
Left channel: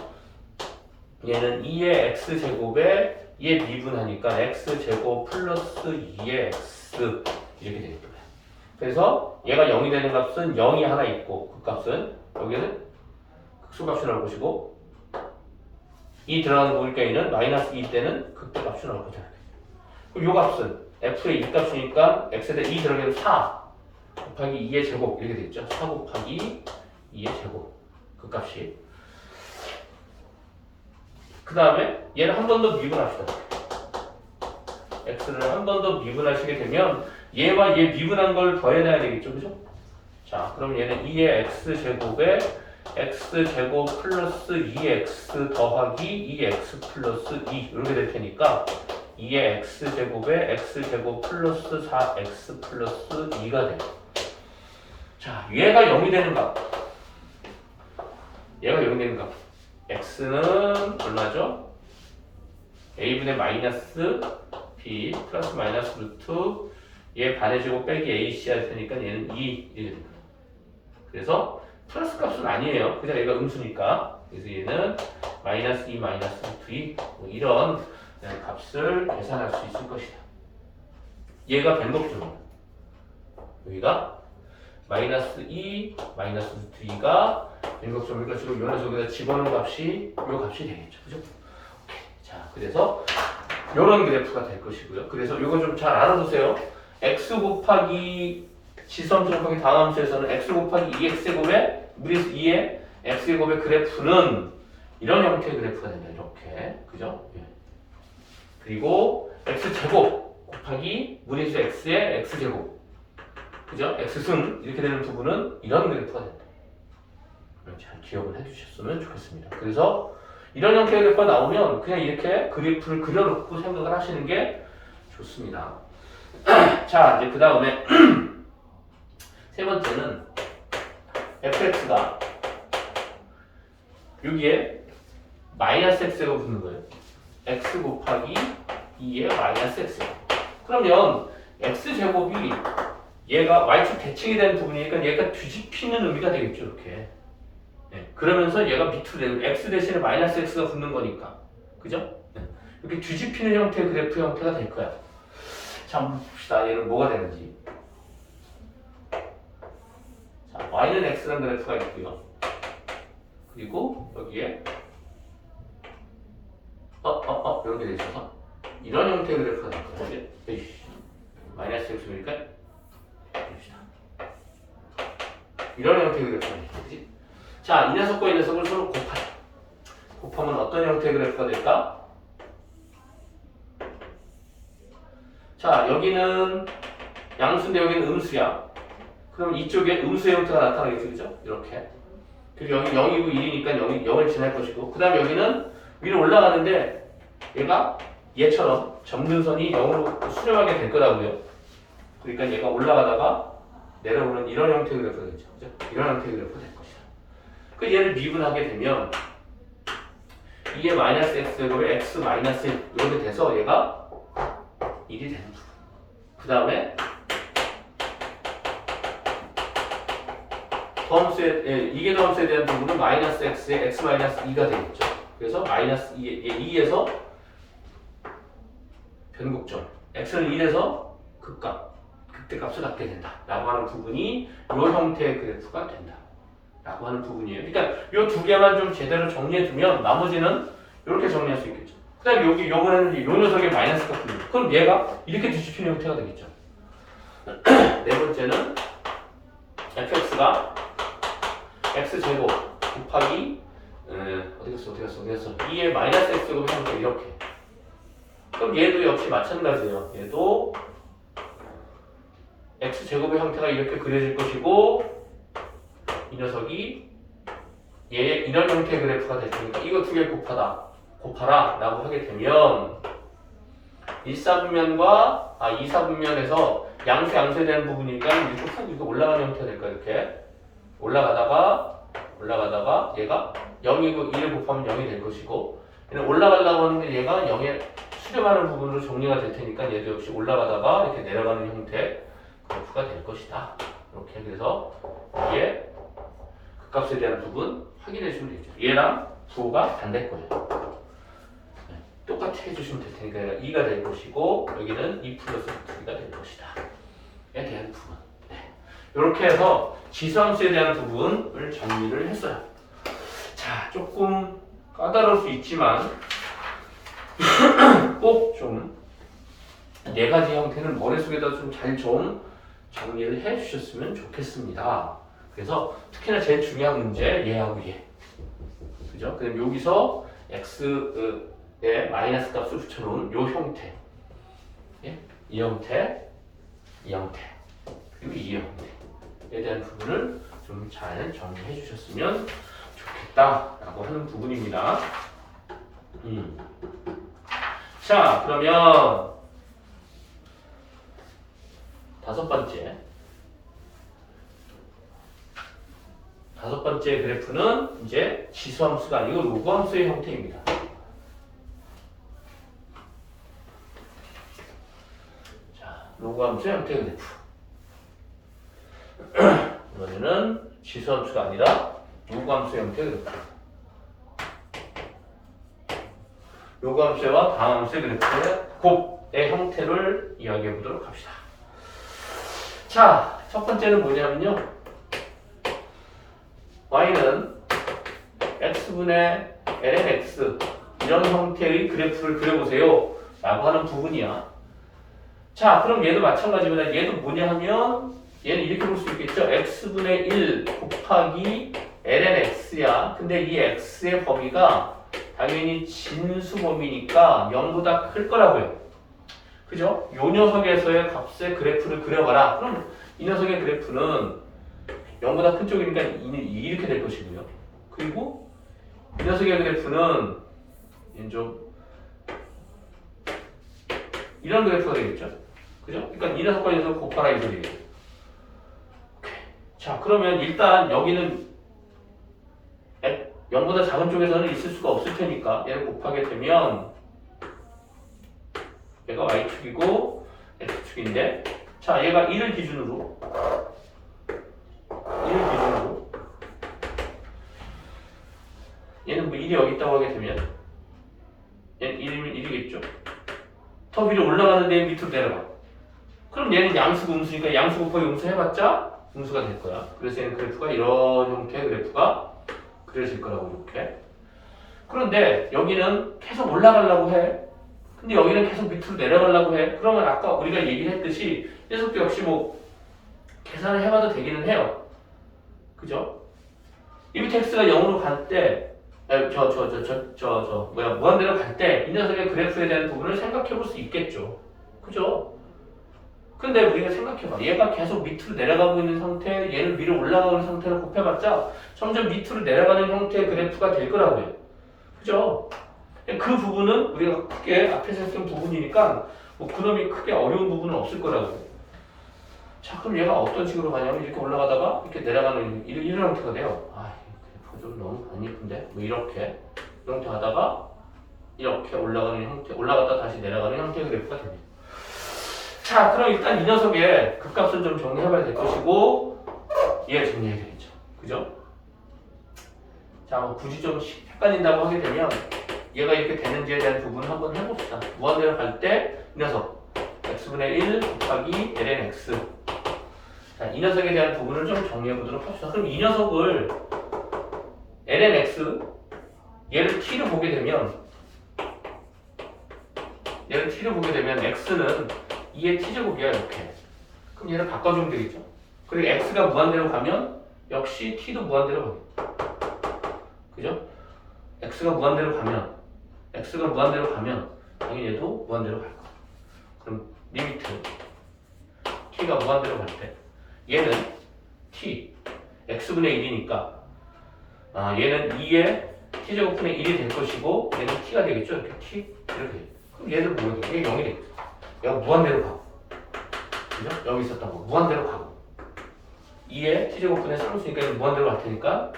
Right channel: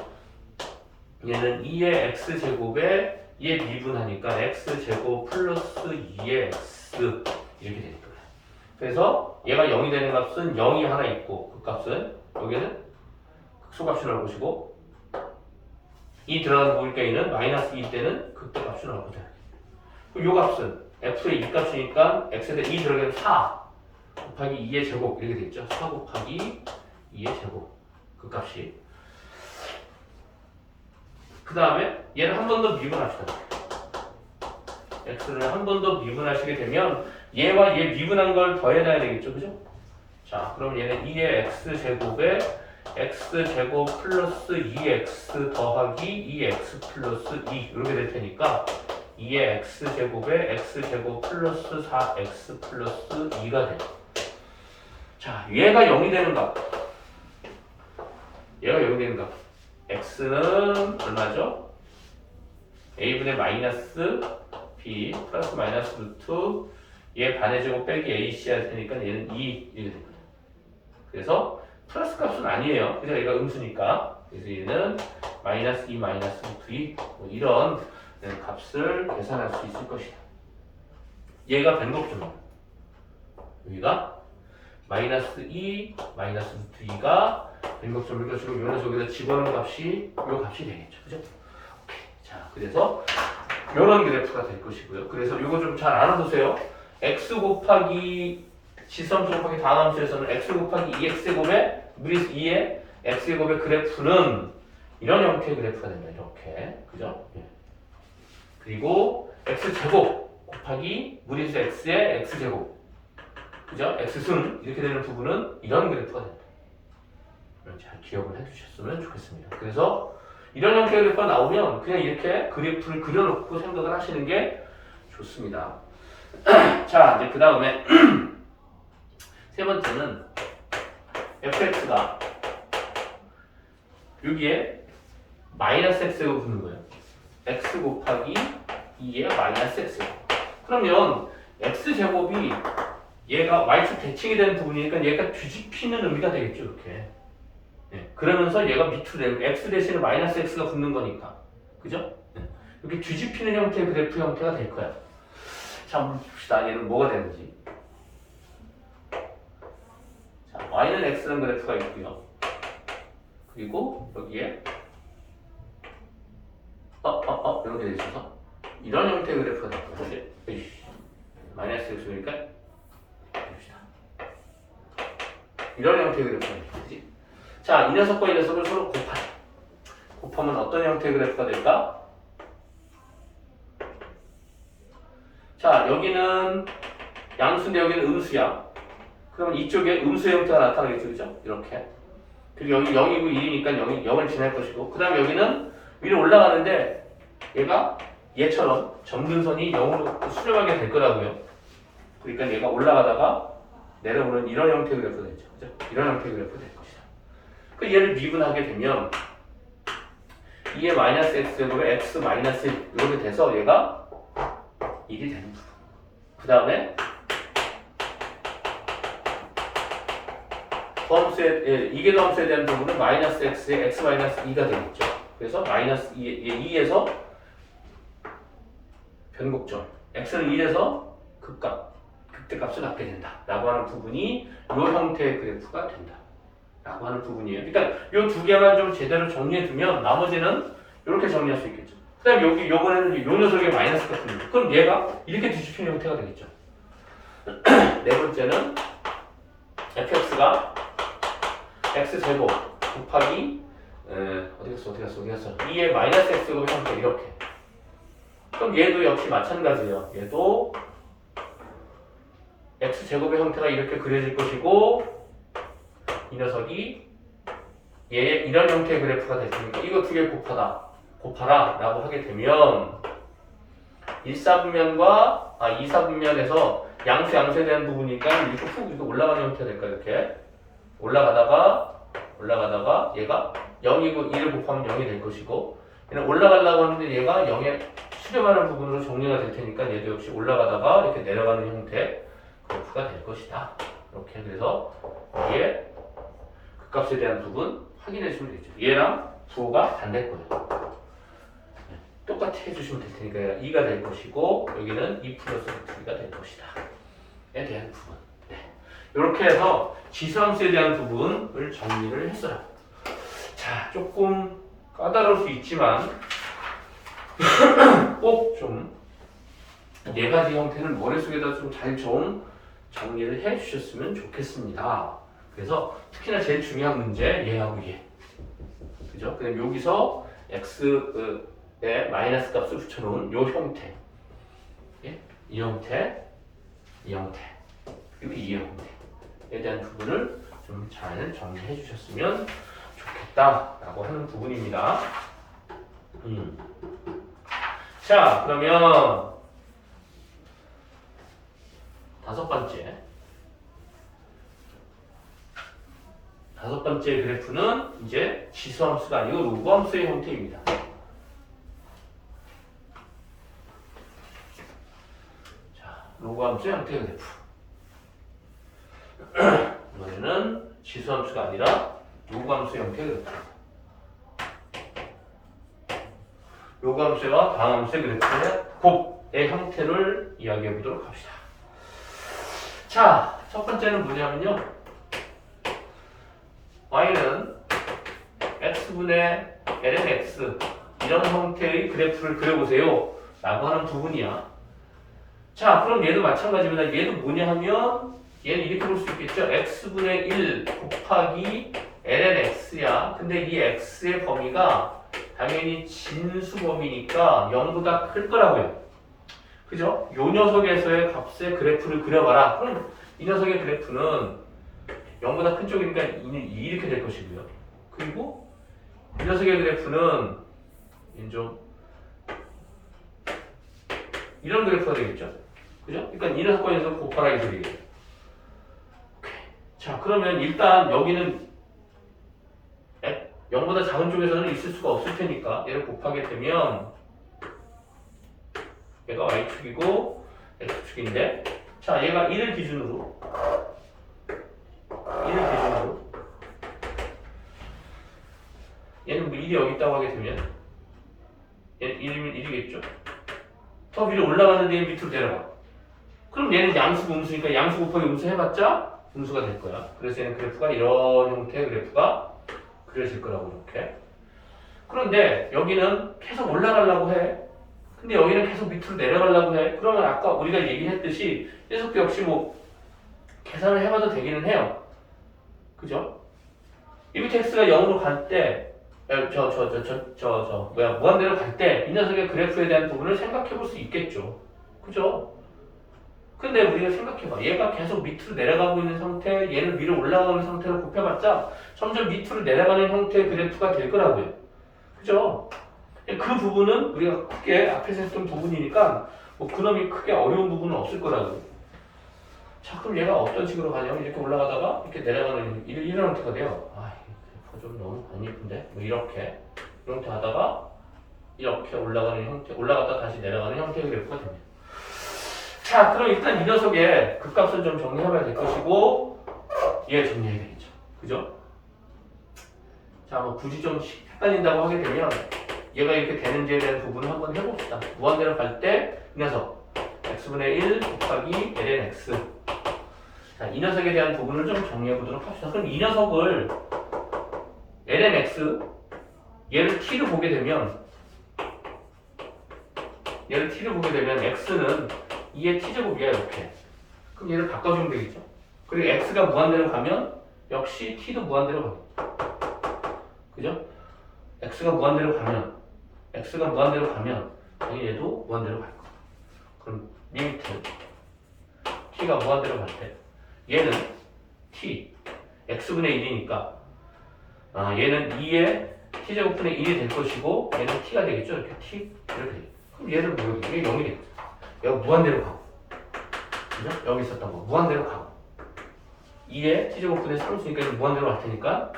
얘는 2의 x제곱에 얘 미분하니까 x제곱 플러스 2의 x 이렇게 될 거예요. 그래서 얘가 0이 되는 값은 0이 하나 있고, 그 값은 여기는 극소값이 나올 것이고, 이 들어가는 거니까 얘는 마이너스 2 때는 극대값이 나올 거다. 요 값은 f의 2값이니까 x에 대해 2 들어가면 4 곱하기 2의 제곱 이렇게 되겠죠. 4 곱하기 2의 제곱 그 값이. 그 다음에 얘를 한 번 더 미분합시다. x를 한 번 더 미분하시게 되면 얘와 얘 미분한 걸 더해놔야 되겠죠. 그죠? 자, 그럼 얘는 2의 x제곱에 x제곱 플러스 2x 더하기 2x 플러스 2 이렇게 될 테니까 2의 x제곱에 x제곱 플러스 4x 플러스 2가 돼요. 자, 얘가 0이 되는 값. 얘가 0이 되는 값. x는 얼마죠? a분의 마이너스 b 플러스 마이너스 루트 얘 반의 제곱 빼기 ac 할 테니까 얘는 2 이렇게 됩니다. 그래서 플러스 값은 아니에요. 그래서 얘가 음수니까. 그래서 얘는 마이너스 2 마이너스 루트 2 뭐 이런 값을 계산할 수 있을 것이다. 얘가 변곡점. 여기가 마이너스 2, 마이너스 루트 2가 변곡점일 것이고 요 녀석 여기다 집어넣은 값이 요 값이 되겠죠. 그죠? 오케이. 자, 그래서 요런 그래프가 될 것이고요. 그래서 요거 좀 잘 알아두세요. x 곱하기 지수함수 곱하기 다함수에서는 x 곱하기 2x제곱의 무리수 2의 x제곱의 그래프는 이런 형태의 그래프가 된다. 이렇게. 그죠? 예. 그리고 x제곱 곱하기 무리수 x의 x제곱. 그죠? x승 이렇게 되는 부분은 이런 그래프가 된다. 잘 기억을 해주셨으면 좋겠습니다. 그래서 이런 형태의 그래프가 나오면 그냥 이렇게 그래프를 그려놓고 생각을 하시는 게 좋습니다. 자, 이제 그 다음에 세 번째는 fx가 여기에 마이너스 x가 붙는 거예요. x 곱하기 2의 마이너스 x. 그러면 x제곱이 얘가 y축 대칭이 된 부분이니까 얘가 뒤집히는 의미가 되겠죠. 이렇게. 네. 그러면서 얘가 밑으로 내려 x 대신에 마이너스 x가 붙는 거니까. 그죠? 네. 이렇게 뒤집히는 형태의 그래프 형태가 될 거야. 자, 한번 봅시다. 얘는 뭐가 되는지. 자, y는 x라는 그래프가 있고요. 그리고 여기에 이렇게 돼 있어서 이런 형태의 그래프가 될 거예요. 마이너스 x니까 봅시다. 이런 형태의 그래프가 될 거지. 자, 이 녀석과 이 녀석을 서로 곱하자. 곱하면 어떤 형태의 그래프가 될까? 자, 여기는 양수인데 여기는 음수야. 그럼 이쪽에 음수의 형태가 나타나겠죠, 그죠? 이렇게. 그리고 여기 0이고 1이니까 0을 지날 것이고, 그 다음에 여기는 위로 올라가는데 얘가 얘처럼 점근선이 0으로 수렴하게 될 거라고요. 그러니까 얘가 올라가다가 내려오는 이런 형태의 그래프가 되죠, 그죠? 이런 형태의 그래프가 될 것이다. 그 얘를 미분하게 되면 2의 마이너스 x제곱에 x 마이너스 1 이렇게 돼서 얘가 1이 되는 부분. 그 다음에 이게 더함수에 대한 부분은 마이너스 x에 x 마이너스 2가 되겠죠. 그래서 마이너스 2에서 변곡점 x는 1에서 극대값을 갖게 된다 라고 하는 부분이 이 형태의 그래프가 된다 라고 하는 부분이에요. 그러니까 이 두 개만 좀 제대로 정리해 두면 나머지는 이렇게 정리할 수 있겠죠. 그 다음에 여기 요거는 이 녀석의 마이너스 같은 거. 그럼 얘가 이렇게 뒤집히는 형태가 되겠죠. 네 번째는 fx가 x제곱 곱하기 어디 갔어 2의 마이너스 x제곱 형태 이렇게. 그럼 얘도 역시 마찬가지예요. 얘도 x제곱의 형태가 이렇게 그려질 것이고 이 녀석이 얘 이런 형태의 그래프가 될 테니까 이거 두 개 곱하라 라고 하게 되면 1사분면과 2사분면에서 양수에 대한 부분이니까 이렇게 훅 이렇게 올라가는 형태가 될까 이렇게 올라가다가 얘가 0이고 1을 곱하면 0이 될 것이고 얘는 올라가려고 하는데 얘가 0에 수렴하는 부분으로 정리가 될 테니까 얘도 역시 올라가다가 이렇게 내려가는 형태 그래프가 될 것이다. 이렇게 그래서 이게 극값에 대한 부분 확인해 주면 되죠. 얘랑 부호가 반대일 거예요. 네, 똑같이 해주시면 될 테니까 2가 될 것이고 여기는 2 플러스 2가 될 것이다. 에 대한 부분. 네. 이렇게 해서 지수함수에 대한 부분을 정리를 했어요. 자, 조금 까다로울 수 있지만 꼭 좀 네 가지 형태는 머릿속에다 좀 정리를 해 주셨으면 좋겠습니다. 그래서 특히나 제일 중요한 문제 얘하고 얘. 그죠? 그럼 여기서 x의 마이너스 값을 붙여놓은 요 형태. 예? 이 형태. 그리고 이 형태에 대한 부분을 좀 잘 정리해 주셨으면 좋겠다라고 하는 부분입니다. 자, 그러면 다섯 번째 그래프는 이제 지수함수가 아니고 로그함수의 형태입니다. 자, 로그함수 형태의 그래프. 이번에는 지수함수가 아니라 로그함수 형태의 그래프. 요감수와 다함수의 그래프의 곱의 형태를 이야기해 보도록 합시다. 자, 첫 번째는 뭐냐면요. y는 x분의 ln x 이런 형태의 그래프를 그려보세요 라고 하는 부분이야. 자, 그럼 얘도 마찬가지입니다. 얘도 뭐냐 하면 얘는 이렇게 볼 수 있겠죠. x분의 1 곱하기 ln x야. 근데 이 x의 범위가 당연히 진수 범위니까 0보다 클 거라고요. 그죠? 요 녀석에서의 값의 그래프를 그려봐라. 그럼 이 녀석의 그래프는 0보다 큰 쪽이니까 이렇게 될 것이고요. 그리고 이 녀석의 그래프는 좀 이런 그래프가 되겠죠. 그죠? 그러니까 이 녀석과 이 녀석을 곱하라 이 소리예요. 오케이. 자, 그러면 일단 여기는 0보다 작은 쪽에서는 있을 수가 없을 테니까 얘를 곱하게 되면 얘가 y축이고 x축인데, 자, 얘가 1을 기준으로 얘는 뭐 1이 여기 있다고 하게 되면 얘는 1이면 1이겠죠. 더 위로 올라가는데 밑으로 내려가. 그럼 얘는 양수고 음수니까 양수 곱하기 음수 해봤자 음수가 될 거야. 그래서 얘는 그래프가 이런 형태의 그래프가 그려질 거라고 이렇게. 그런데 여기는 계속 올라가려고 해. 근데 여기는 계속 밑으로 내려가려고 해. 그러면 아까 우리가 얘기했듯이 이 녀석도 역시 뭐 계산을 해봐도 되기는 해요. 그죠? 이 밑에 x가 0으로 갈 때, 무한대로 갈 때 이 녀석의 그래프에 대한 부분을 생각해 볼 수 있겠죠. 그죠? 근데 우리가 생각해봐. 얘가 계속 밑으로 내려가고 있는 상태, 얘는 위로 올라가는 상태로 곱해봤자 점점 밑으로 내려가는 형태의 그래프가 될 거라고요. 그죠? 그 부분은 우리가 크게 앞에서 했던 부분이니까 뭐 그놈이 크게 어려운 부분은 없을 거라고요. 자, 그럼 얘가 어떤 식으로 가냐면 이렇게 올라가다가 이렇게 내려가는 이런 형태가 돼요. 아, 그래프가 좀 너무 안 예쁜데? 뭐 이렇게 하다가 이렇게 올라가는 형태, 올라갔다 다시 내려가는 형태의 그래프가 됩니다. 자, 그럼 일단 이 녀석의 극값을 좀 정리해봐야 될 것이고, 얘 정리해야겠죠. 그죠? 자, 뭐 굳이 좀 헷갈린다고 하게 되면 얘가 이렇게 되는지에 대한 부분을 한번 해봅시다. 무한대로 갈 때 이 녀석 x분의 1 곱하기 ln x. 자, 이 녀석에 대한 부분을 좀 정리해보도록 합시다. 그럼 이 녀석을 ln x 얘를 t를 보게 되면 x는 2의 t제곱이야 이렇게. 그럼 얘를 바꿔주면 되겠죠. 그리고 x가 무한대로 가면 역시 t도 무한대로 가요. 그죠? x가 무한대로 가면 당연히 얘도 무한대로 갈 거야. 그럼 리미트 t가 무한대로 갈 때 얘는 t x분의 1이니까 얘는 2의 t제곱분의 1이 될 것이고 얘는 t가 되겠죠. 이렇게 t 이렇게 돼. 그럼 얘를 보게 돼. 얘가 0이 되겠죠. 얘가 무한대로 가고, 그죠? 여기 있었던 거 무한대로 가고 2의 t제곱분의 3수니까 얘는 무한대로 갈 테니까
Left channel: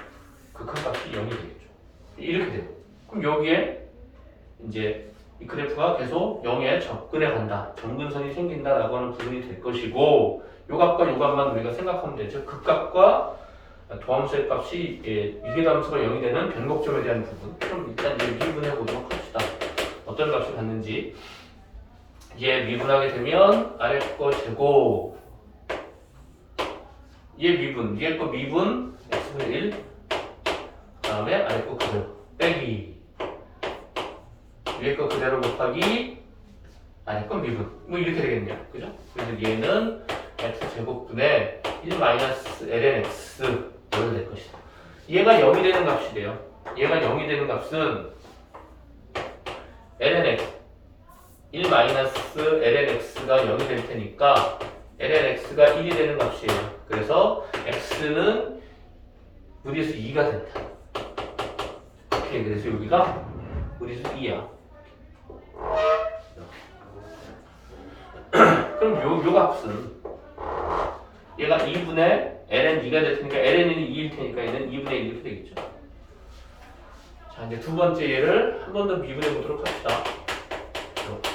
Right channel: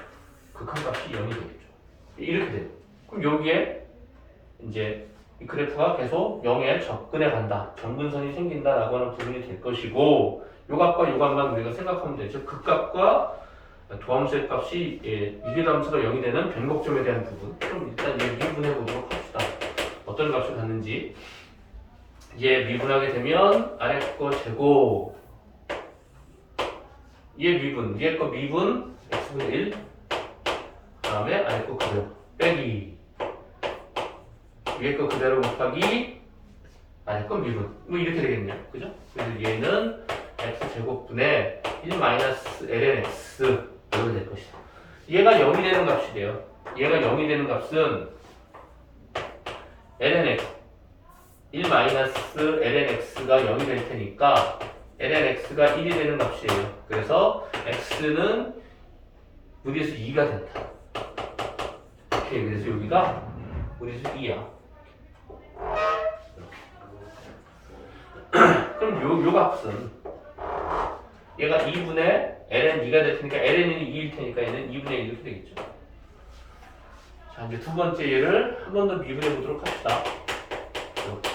그 큰 값이 0이 되겠죠. 이렇게 돼요. 그럼 여기에 이제 이 그래프가 계속 0에 접근해 간다. 점근선이 생긴다라고 하는 부분이 될 것이고, 요 값과 요 값만 우리가 생각하면 되죠. 극값과 도함수의 값이 위계함수가 0이 되는 변곡점에 대한 부분. 그럼 일단 얘 미분해 보도록 합시다. 어떤 값을 갖는지. 얘 미분하게 되면 아래 거 제곱. 얘 미분, 위에 거 미분 x분의 1. 다음에 아래 거 그대로 빼기. 위에 거 그대로 곱하기 아래 거 미분. 뭐 이렇게 되겠네요. 그죠? 그래서 얘는 x제곱분의 1 마이너스 ln x 이렇게 될 것이다. 얘가 0이 되는 값이 돼요. 얘가 0이 되는 값은 ln x 1 마이너스 ln x가 0이 될 테니까 ln x가 1이 되는 값이에요. 그래서 x는 무리수 2가 된다. 오케이, 그래서 여기가 무리수 2야. 그럼 요 값은 얘가 2분의 ln 2가 될 테니까 ln이 2일 테니까 얘는 2분의 1 이렇게 되겠죠. 자, 이제 두 번째 얘를 한 번 더 미분해 보도록 합시다. 이렇게.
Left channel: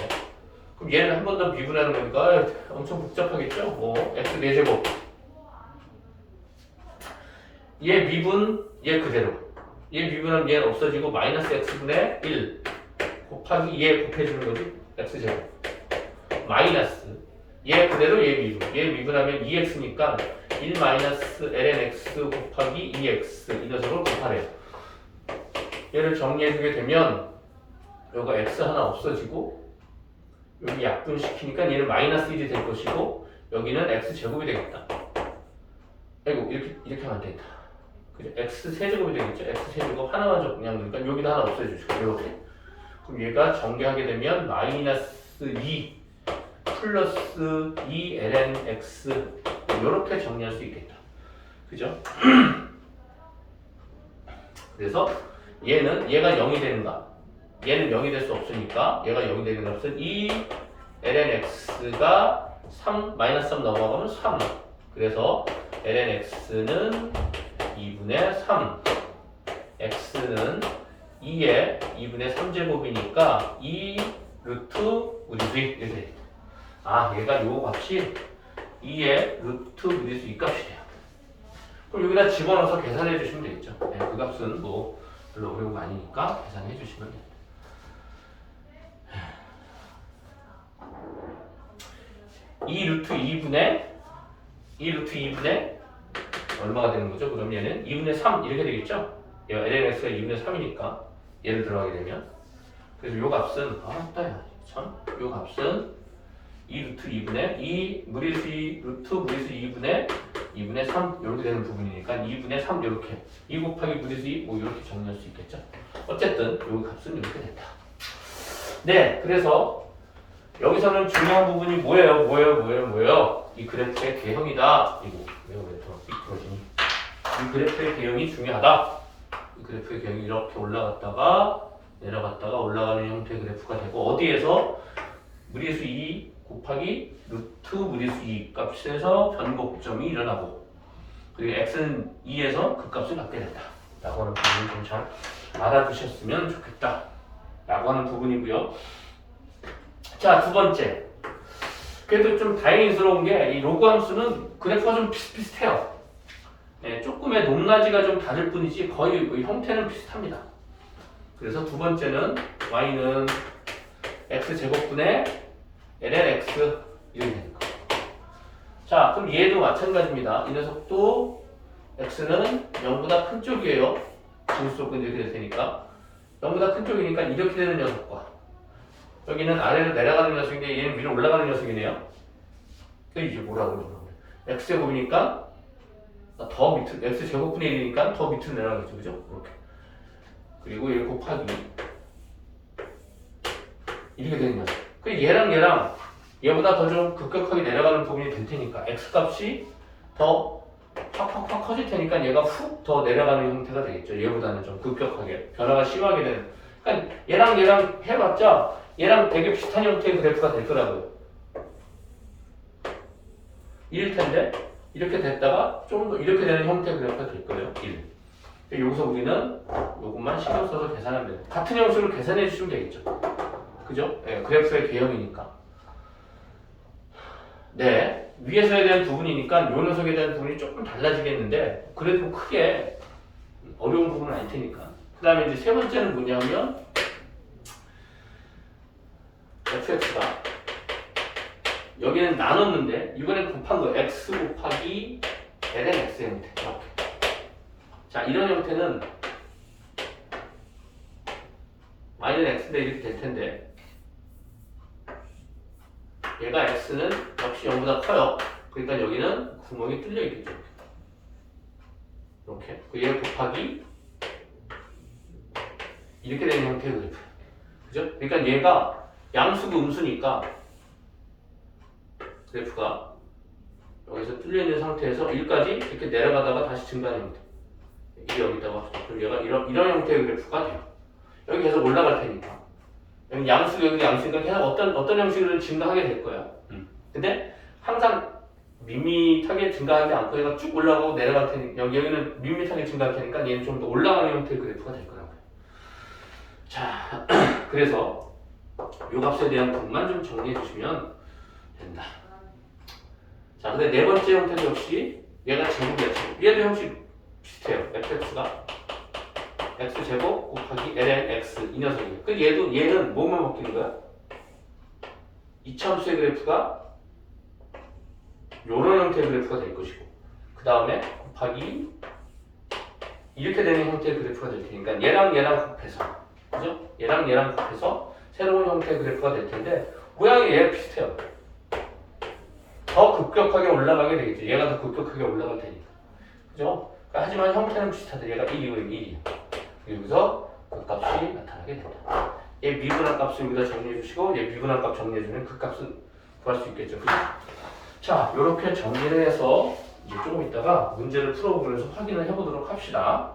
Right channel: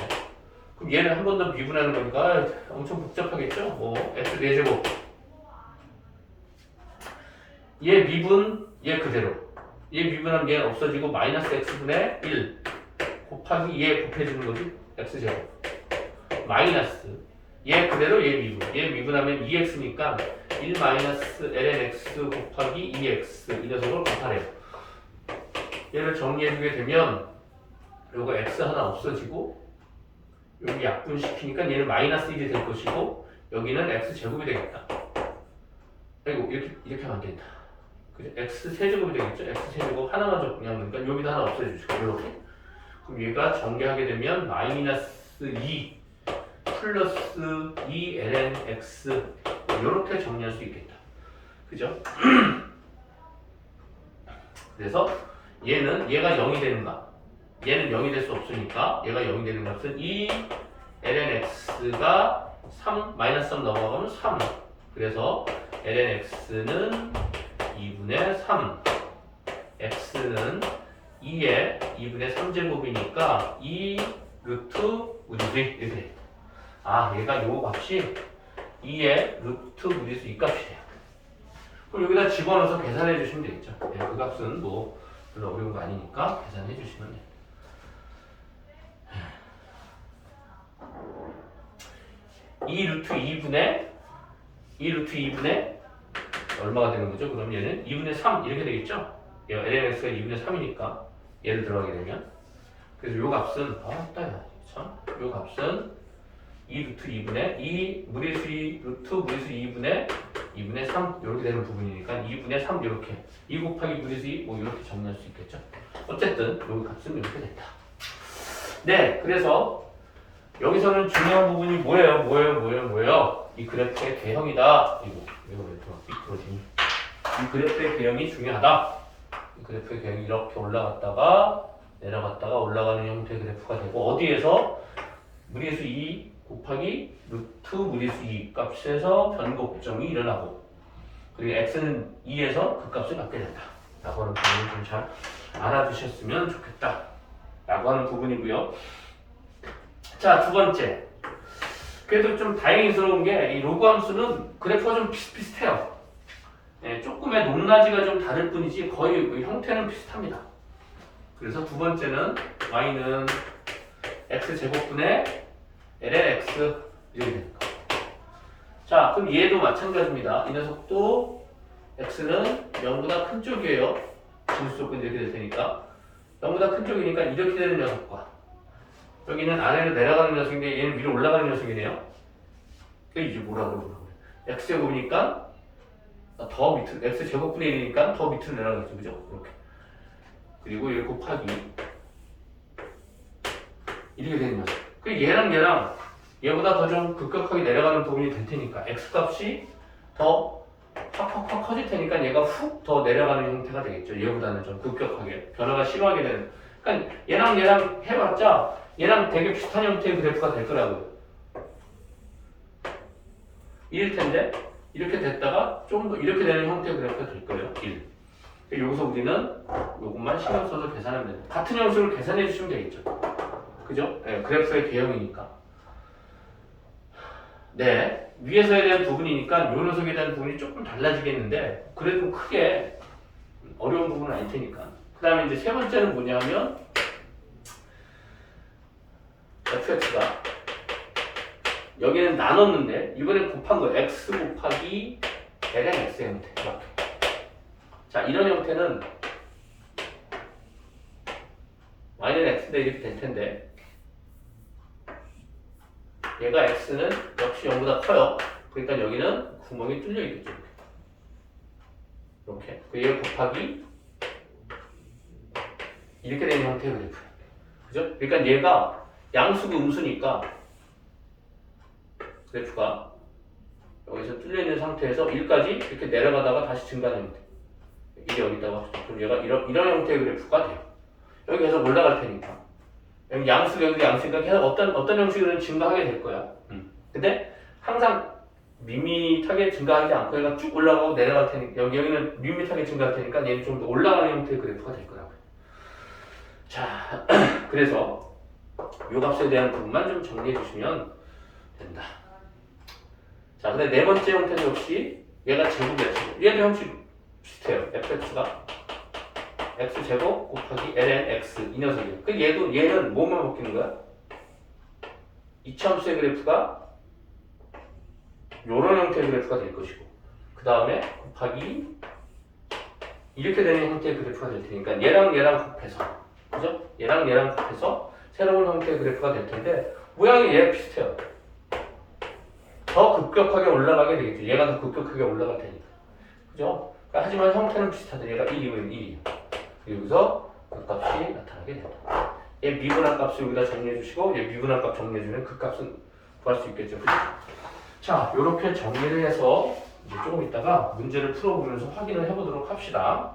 그럼 얘를 한 번 더 미분하는 거니까 엄청 복잡하겠죠? x 4제곱. 얘 미분, 얘 그대로. 얘 미분하면 얘는 없어지고 마이너스 x분의 1 곱하기 얘 곱해주는 거지. x제곱 마이너스 얘 그대로 얘 미분하면 2x니까 1 마이너스 ln x 곱하기 2x 이 녀석을 곱하래요. 얘를 정리해주게 되면 요거 x 하나 없어지고 여기 약분시키니까 얘는 마이너스 1이 될 것이고 여기는 x제곱이 되겠다. 아이고 이렇게 하면 안 되겠다. 그죠? x세제곱이 되겠죠? x세제곱 하나만 적냥 그러니까 여기다 하나 없애주시고 이렇게. 그럼 얘가 전개하게 되면 마이너스 2 플러스 2 ln x 이렇게 정리할 수 있겠다. 그죠? 그래서 얘가 0이 되는가? 얘는 0이 될 수 없으니까 얘가 0이 되는 것은 2 ln x가 3 마이너스 3 넘어가면 3. 그래서 ln x는 2분의 3 x는 2의 2분의 3제곱이니까 2 루트 우리 이렇게 돼. 아 얘가 요 값이 2의 루트 무리수 이 값이에요. 그럼 여기다 집어넣어서 계산해 주시면 되겠죠. 네, 그 값은 뭐 별로 어려운 거 아니니까 계산해 주시면 됩니다. 2 루트 2분의 얼마가 되는 거죠? 그럼 얘는 2분의 3 이렇게 되겠죠? 얘가 lnx가 2분의 3이니까 얘를 들어가게 되면 그래서 요 값은 요 값은 2 루트 2분의 2 무리수 2 루트 무리수 2분의 3 이렇게 되는 부분이니까 2분의 3 이렇게 2 곱하기 무리수 2 뭐 이렇게 정리할 수 있겠죠? 어쨌든 요 값은 이렇게 됐다. 네, 그래서 여기서는 중요한 부분이 뭐예요? 이 그래프의 개형이다. 이거 왜 삐뚤어지니? 이 그래프의 개형이 중요하다. 이 그래프의 개형이 이렇게 올라갔다가 내려갔다가 올라가는 형태의 그래프가 되고 어디에서 무리수 2 곱하기 루트 무리수 2 값에서 변곡점이 일어나고 그리고 x는 2에서 그 값을 갖게 된다. 라고 하는 부분을 좀 잘 알아두셨으면 좋겠다. 라고 하는 부분이고요. 자, 두 번째. 그래도 좀 다행스러운 게 이 로그 함수는 그래프가 좀 비슷비슷해요. 네, 조금의 높낮이가 좀 다를 뿐이지 거의 형태는 비슷합니다. 그래서 두 번째는 y는 x제곱분의 ln x 이렇게 되는 거. 자, 그럼 얘도 마찬가지입니다. 이 녀석도 x는 0보다 큰 쪽이에요. 진수 조건이 이렇게 될 테니까 0보다 큰 쪽이니까 이렇게 되는 녀석과 여기는 아래로 내려가는 녀석인데 얘는 위로 올라가는 녀석이네요. 그 이제 뭐라고 그러는 거예요? x제곱이니까 더 밑으로 x제곱분의 1이니까 더 밑으로 내려가겠죠. 그죠? 이렇게. 그리고 1 곱하기 이렇게 되는 녀석. 그 얘랑 얘보다 더 좀 급격하게 내려가는 부분이 될 테니까 x값이 더 확 커질 테니까 얘가 훅 더 내려가는 형태가 되겠죠. 얘보다는 좀 급격하게 변화가 심하게 되는. 그러니까 얘랑 해봤자 얘랑 되게 비슷한 형태의 그래프가 될 거라고요. 이럴 텐데 이렇게 됐다가 좀 더 이렇게 되는 형태의 그래프가 될 거예요. 1. 여기서 우리는 이것만 신경 써서 계산하면 돼요. 같은 형식으로 계산해 주시면 되겠죠. 그죠? 네, 그래프의 개형이니까. 네, 위에서에 대한 부분이니까 요 녀석에 대한 부분이 조금 달라지겠는데 그래도 크게 어려운 부분은 아닐 테니까. 그 다음에 이제 세 번째는 뭐냐 하면 fx가 여기는 나눴는데 이번엔 곱한 거 x 곱하기 ln x의 형태 이렇게. 자, 이런 형태는 y는 x인데 이렇게 될 텐데 얘가 x는 역시 0보다 커요. 그러니까 여기는 구멍이 뚫려 있겠죠. 이렇게. 얘 곱하기 이렇게 되는 형태의 그래프. 그죠? 그러니까 얘가 양수고 음수니까 그래프가 여기서 뚫려 있는 상태에서 1까지 이렇게 내려가다가 다시 증가하는 형태. 이게 여기다가 그럼 얘가 이런 형태의 그래프가 돼요. 여기 계속 올라갈 테니까. 여기 양수니까 계속 어떤 형식으로 증가하게 될 거야. 근데 항상 밋밋하게 증가하지 않고 얘가 쭉 올라가고 내려갈 테니까 여기는 밋밋하게 증가할 테니까 얘는 좀 더 올라가는 형태의 그래프가 될 거라고요. 자, 그래서 요 값에 대한 부분만 좀 정리해 주시면 된다. 자, 근데 네 번째 형태도 역시 얘가 제곱이었죠. 얘도 형식 비슷해요. fx가 x제곱 곱하기 ln x 이 녀석이에요. 그 얘는 뭐만 바뀌는 거야? 이차함수의 그래프가 요런 형태의 그래프가 될 것이고 그 다음에 곱하기 이렇게 되는 형태의 그래프가 될 테니까 얘랑 곱해서 그죠? 얘랑 곱해서 새로운 형태의 그래프가 될 텐데 모양이 얘랑 비슷해요. 더 급격하게 올라가게 되겠죠. 얘가 더 급격하게 올라갈 테니까. 그죠? 그러니까 하지만 형태는 비슷하다. 얘가 1이고 1이에요. 여기서 그 값이 나타나게 된다. 얘 미분한 값을 여기다 정리해 주시고 얘 미분한 값 정리해 주면 그 값은 구할 수 있겠죠. 그죠? 자, 이렇게 정리를 해서 이제 조금 있다가 문제를 풀어보면서 확인을 해보도록 합시다.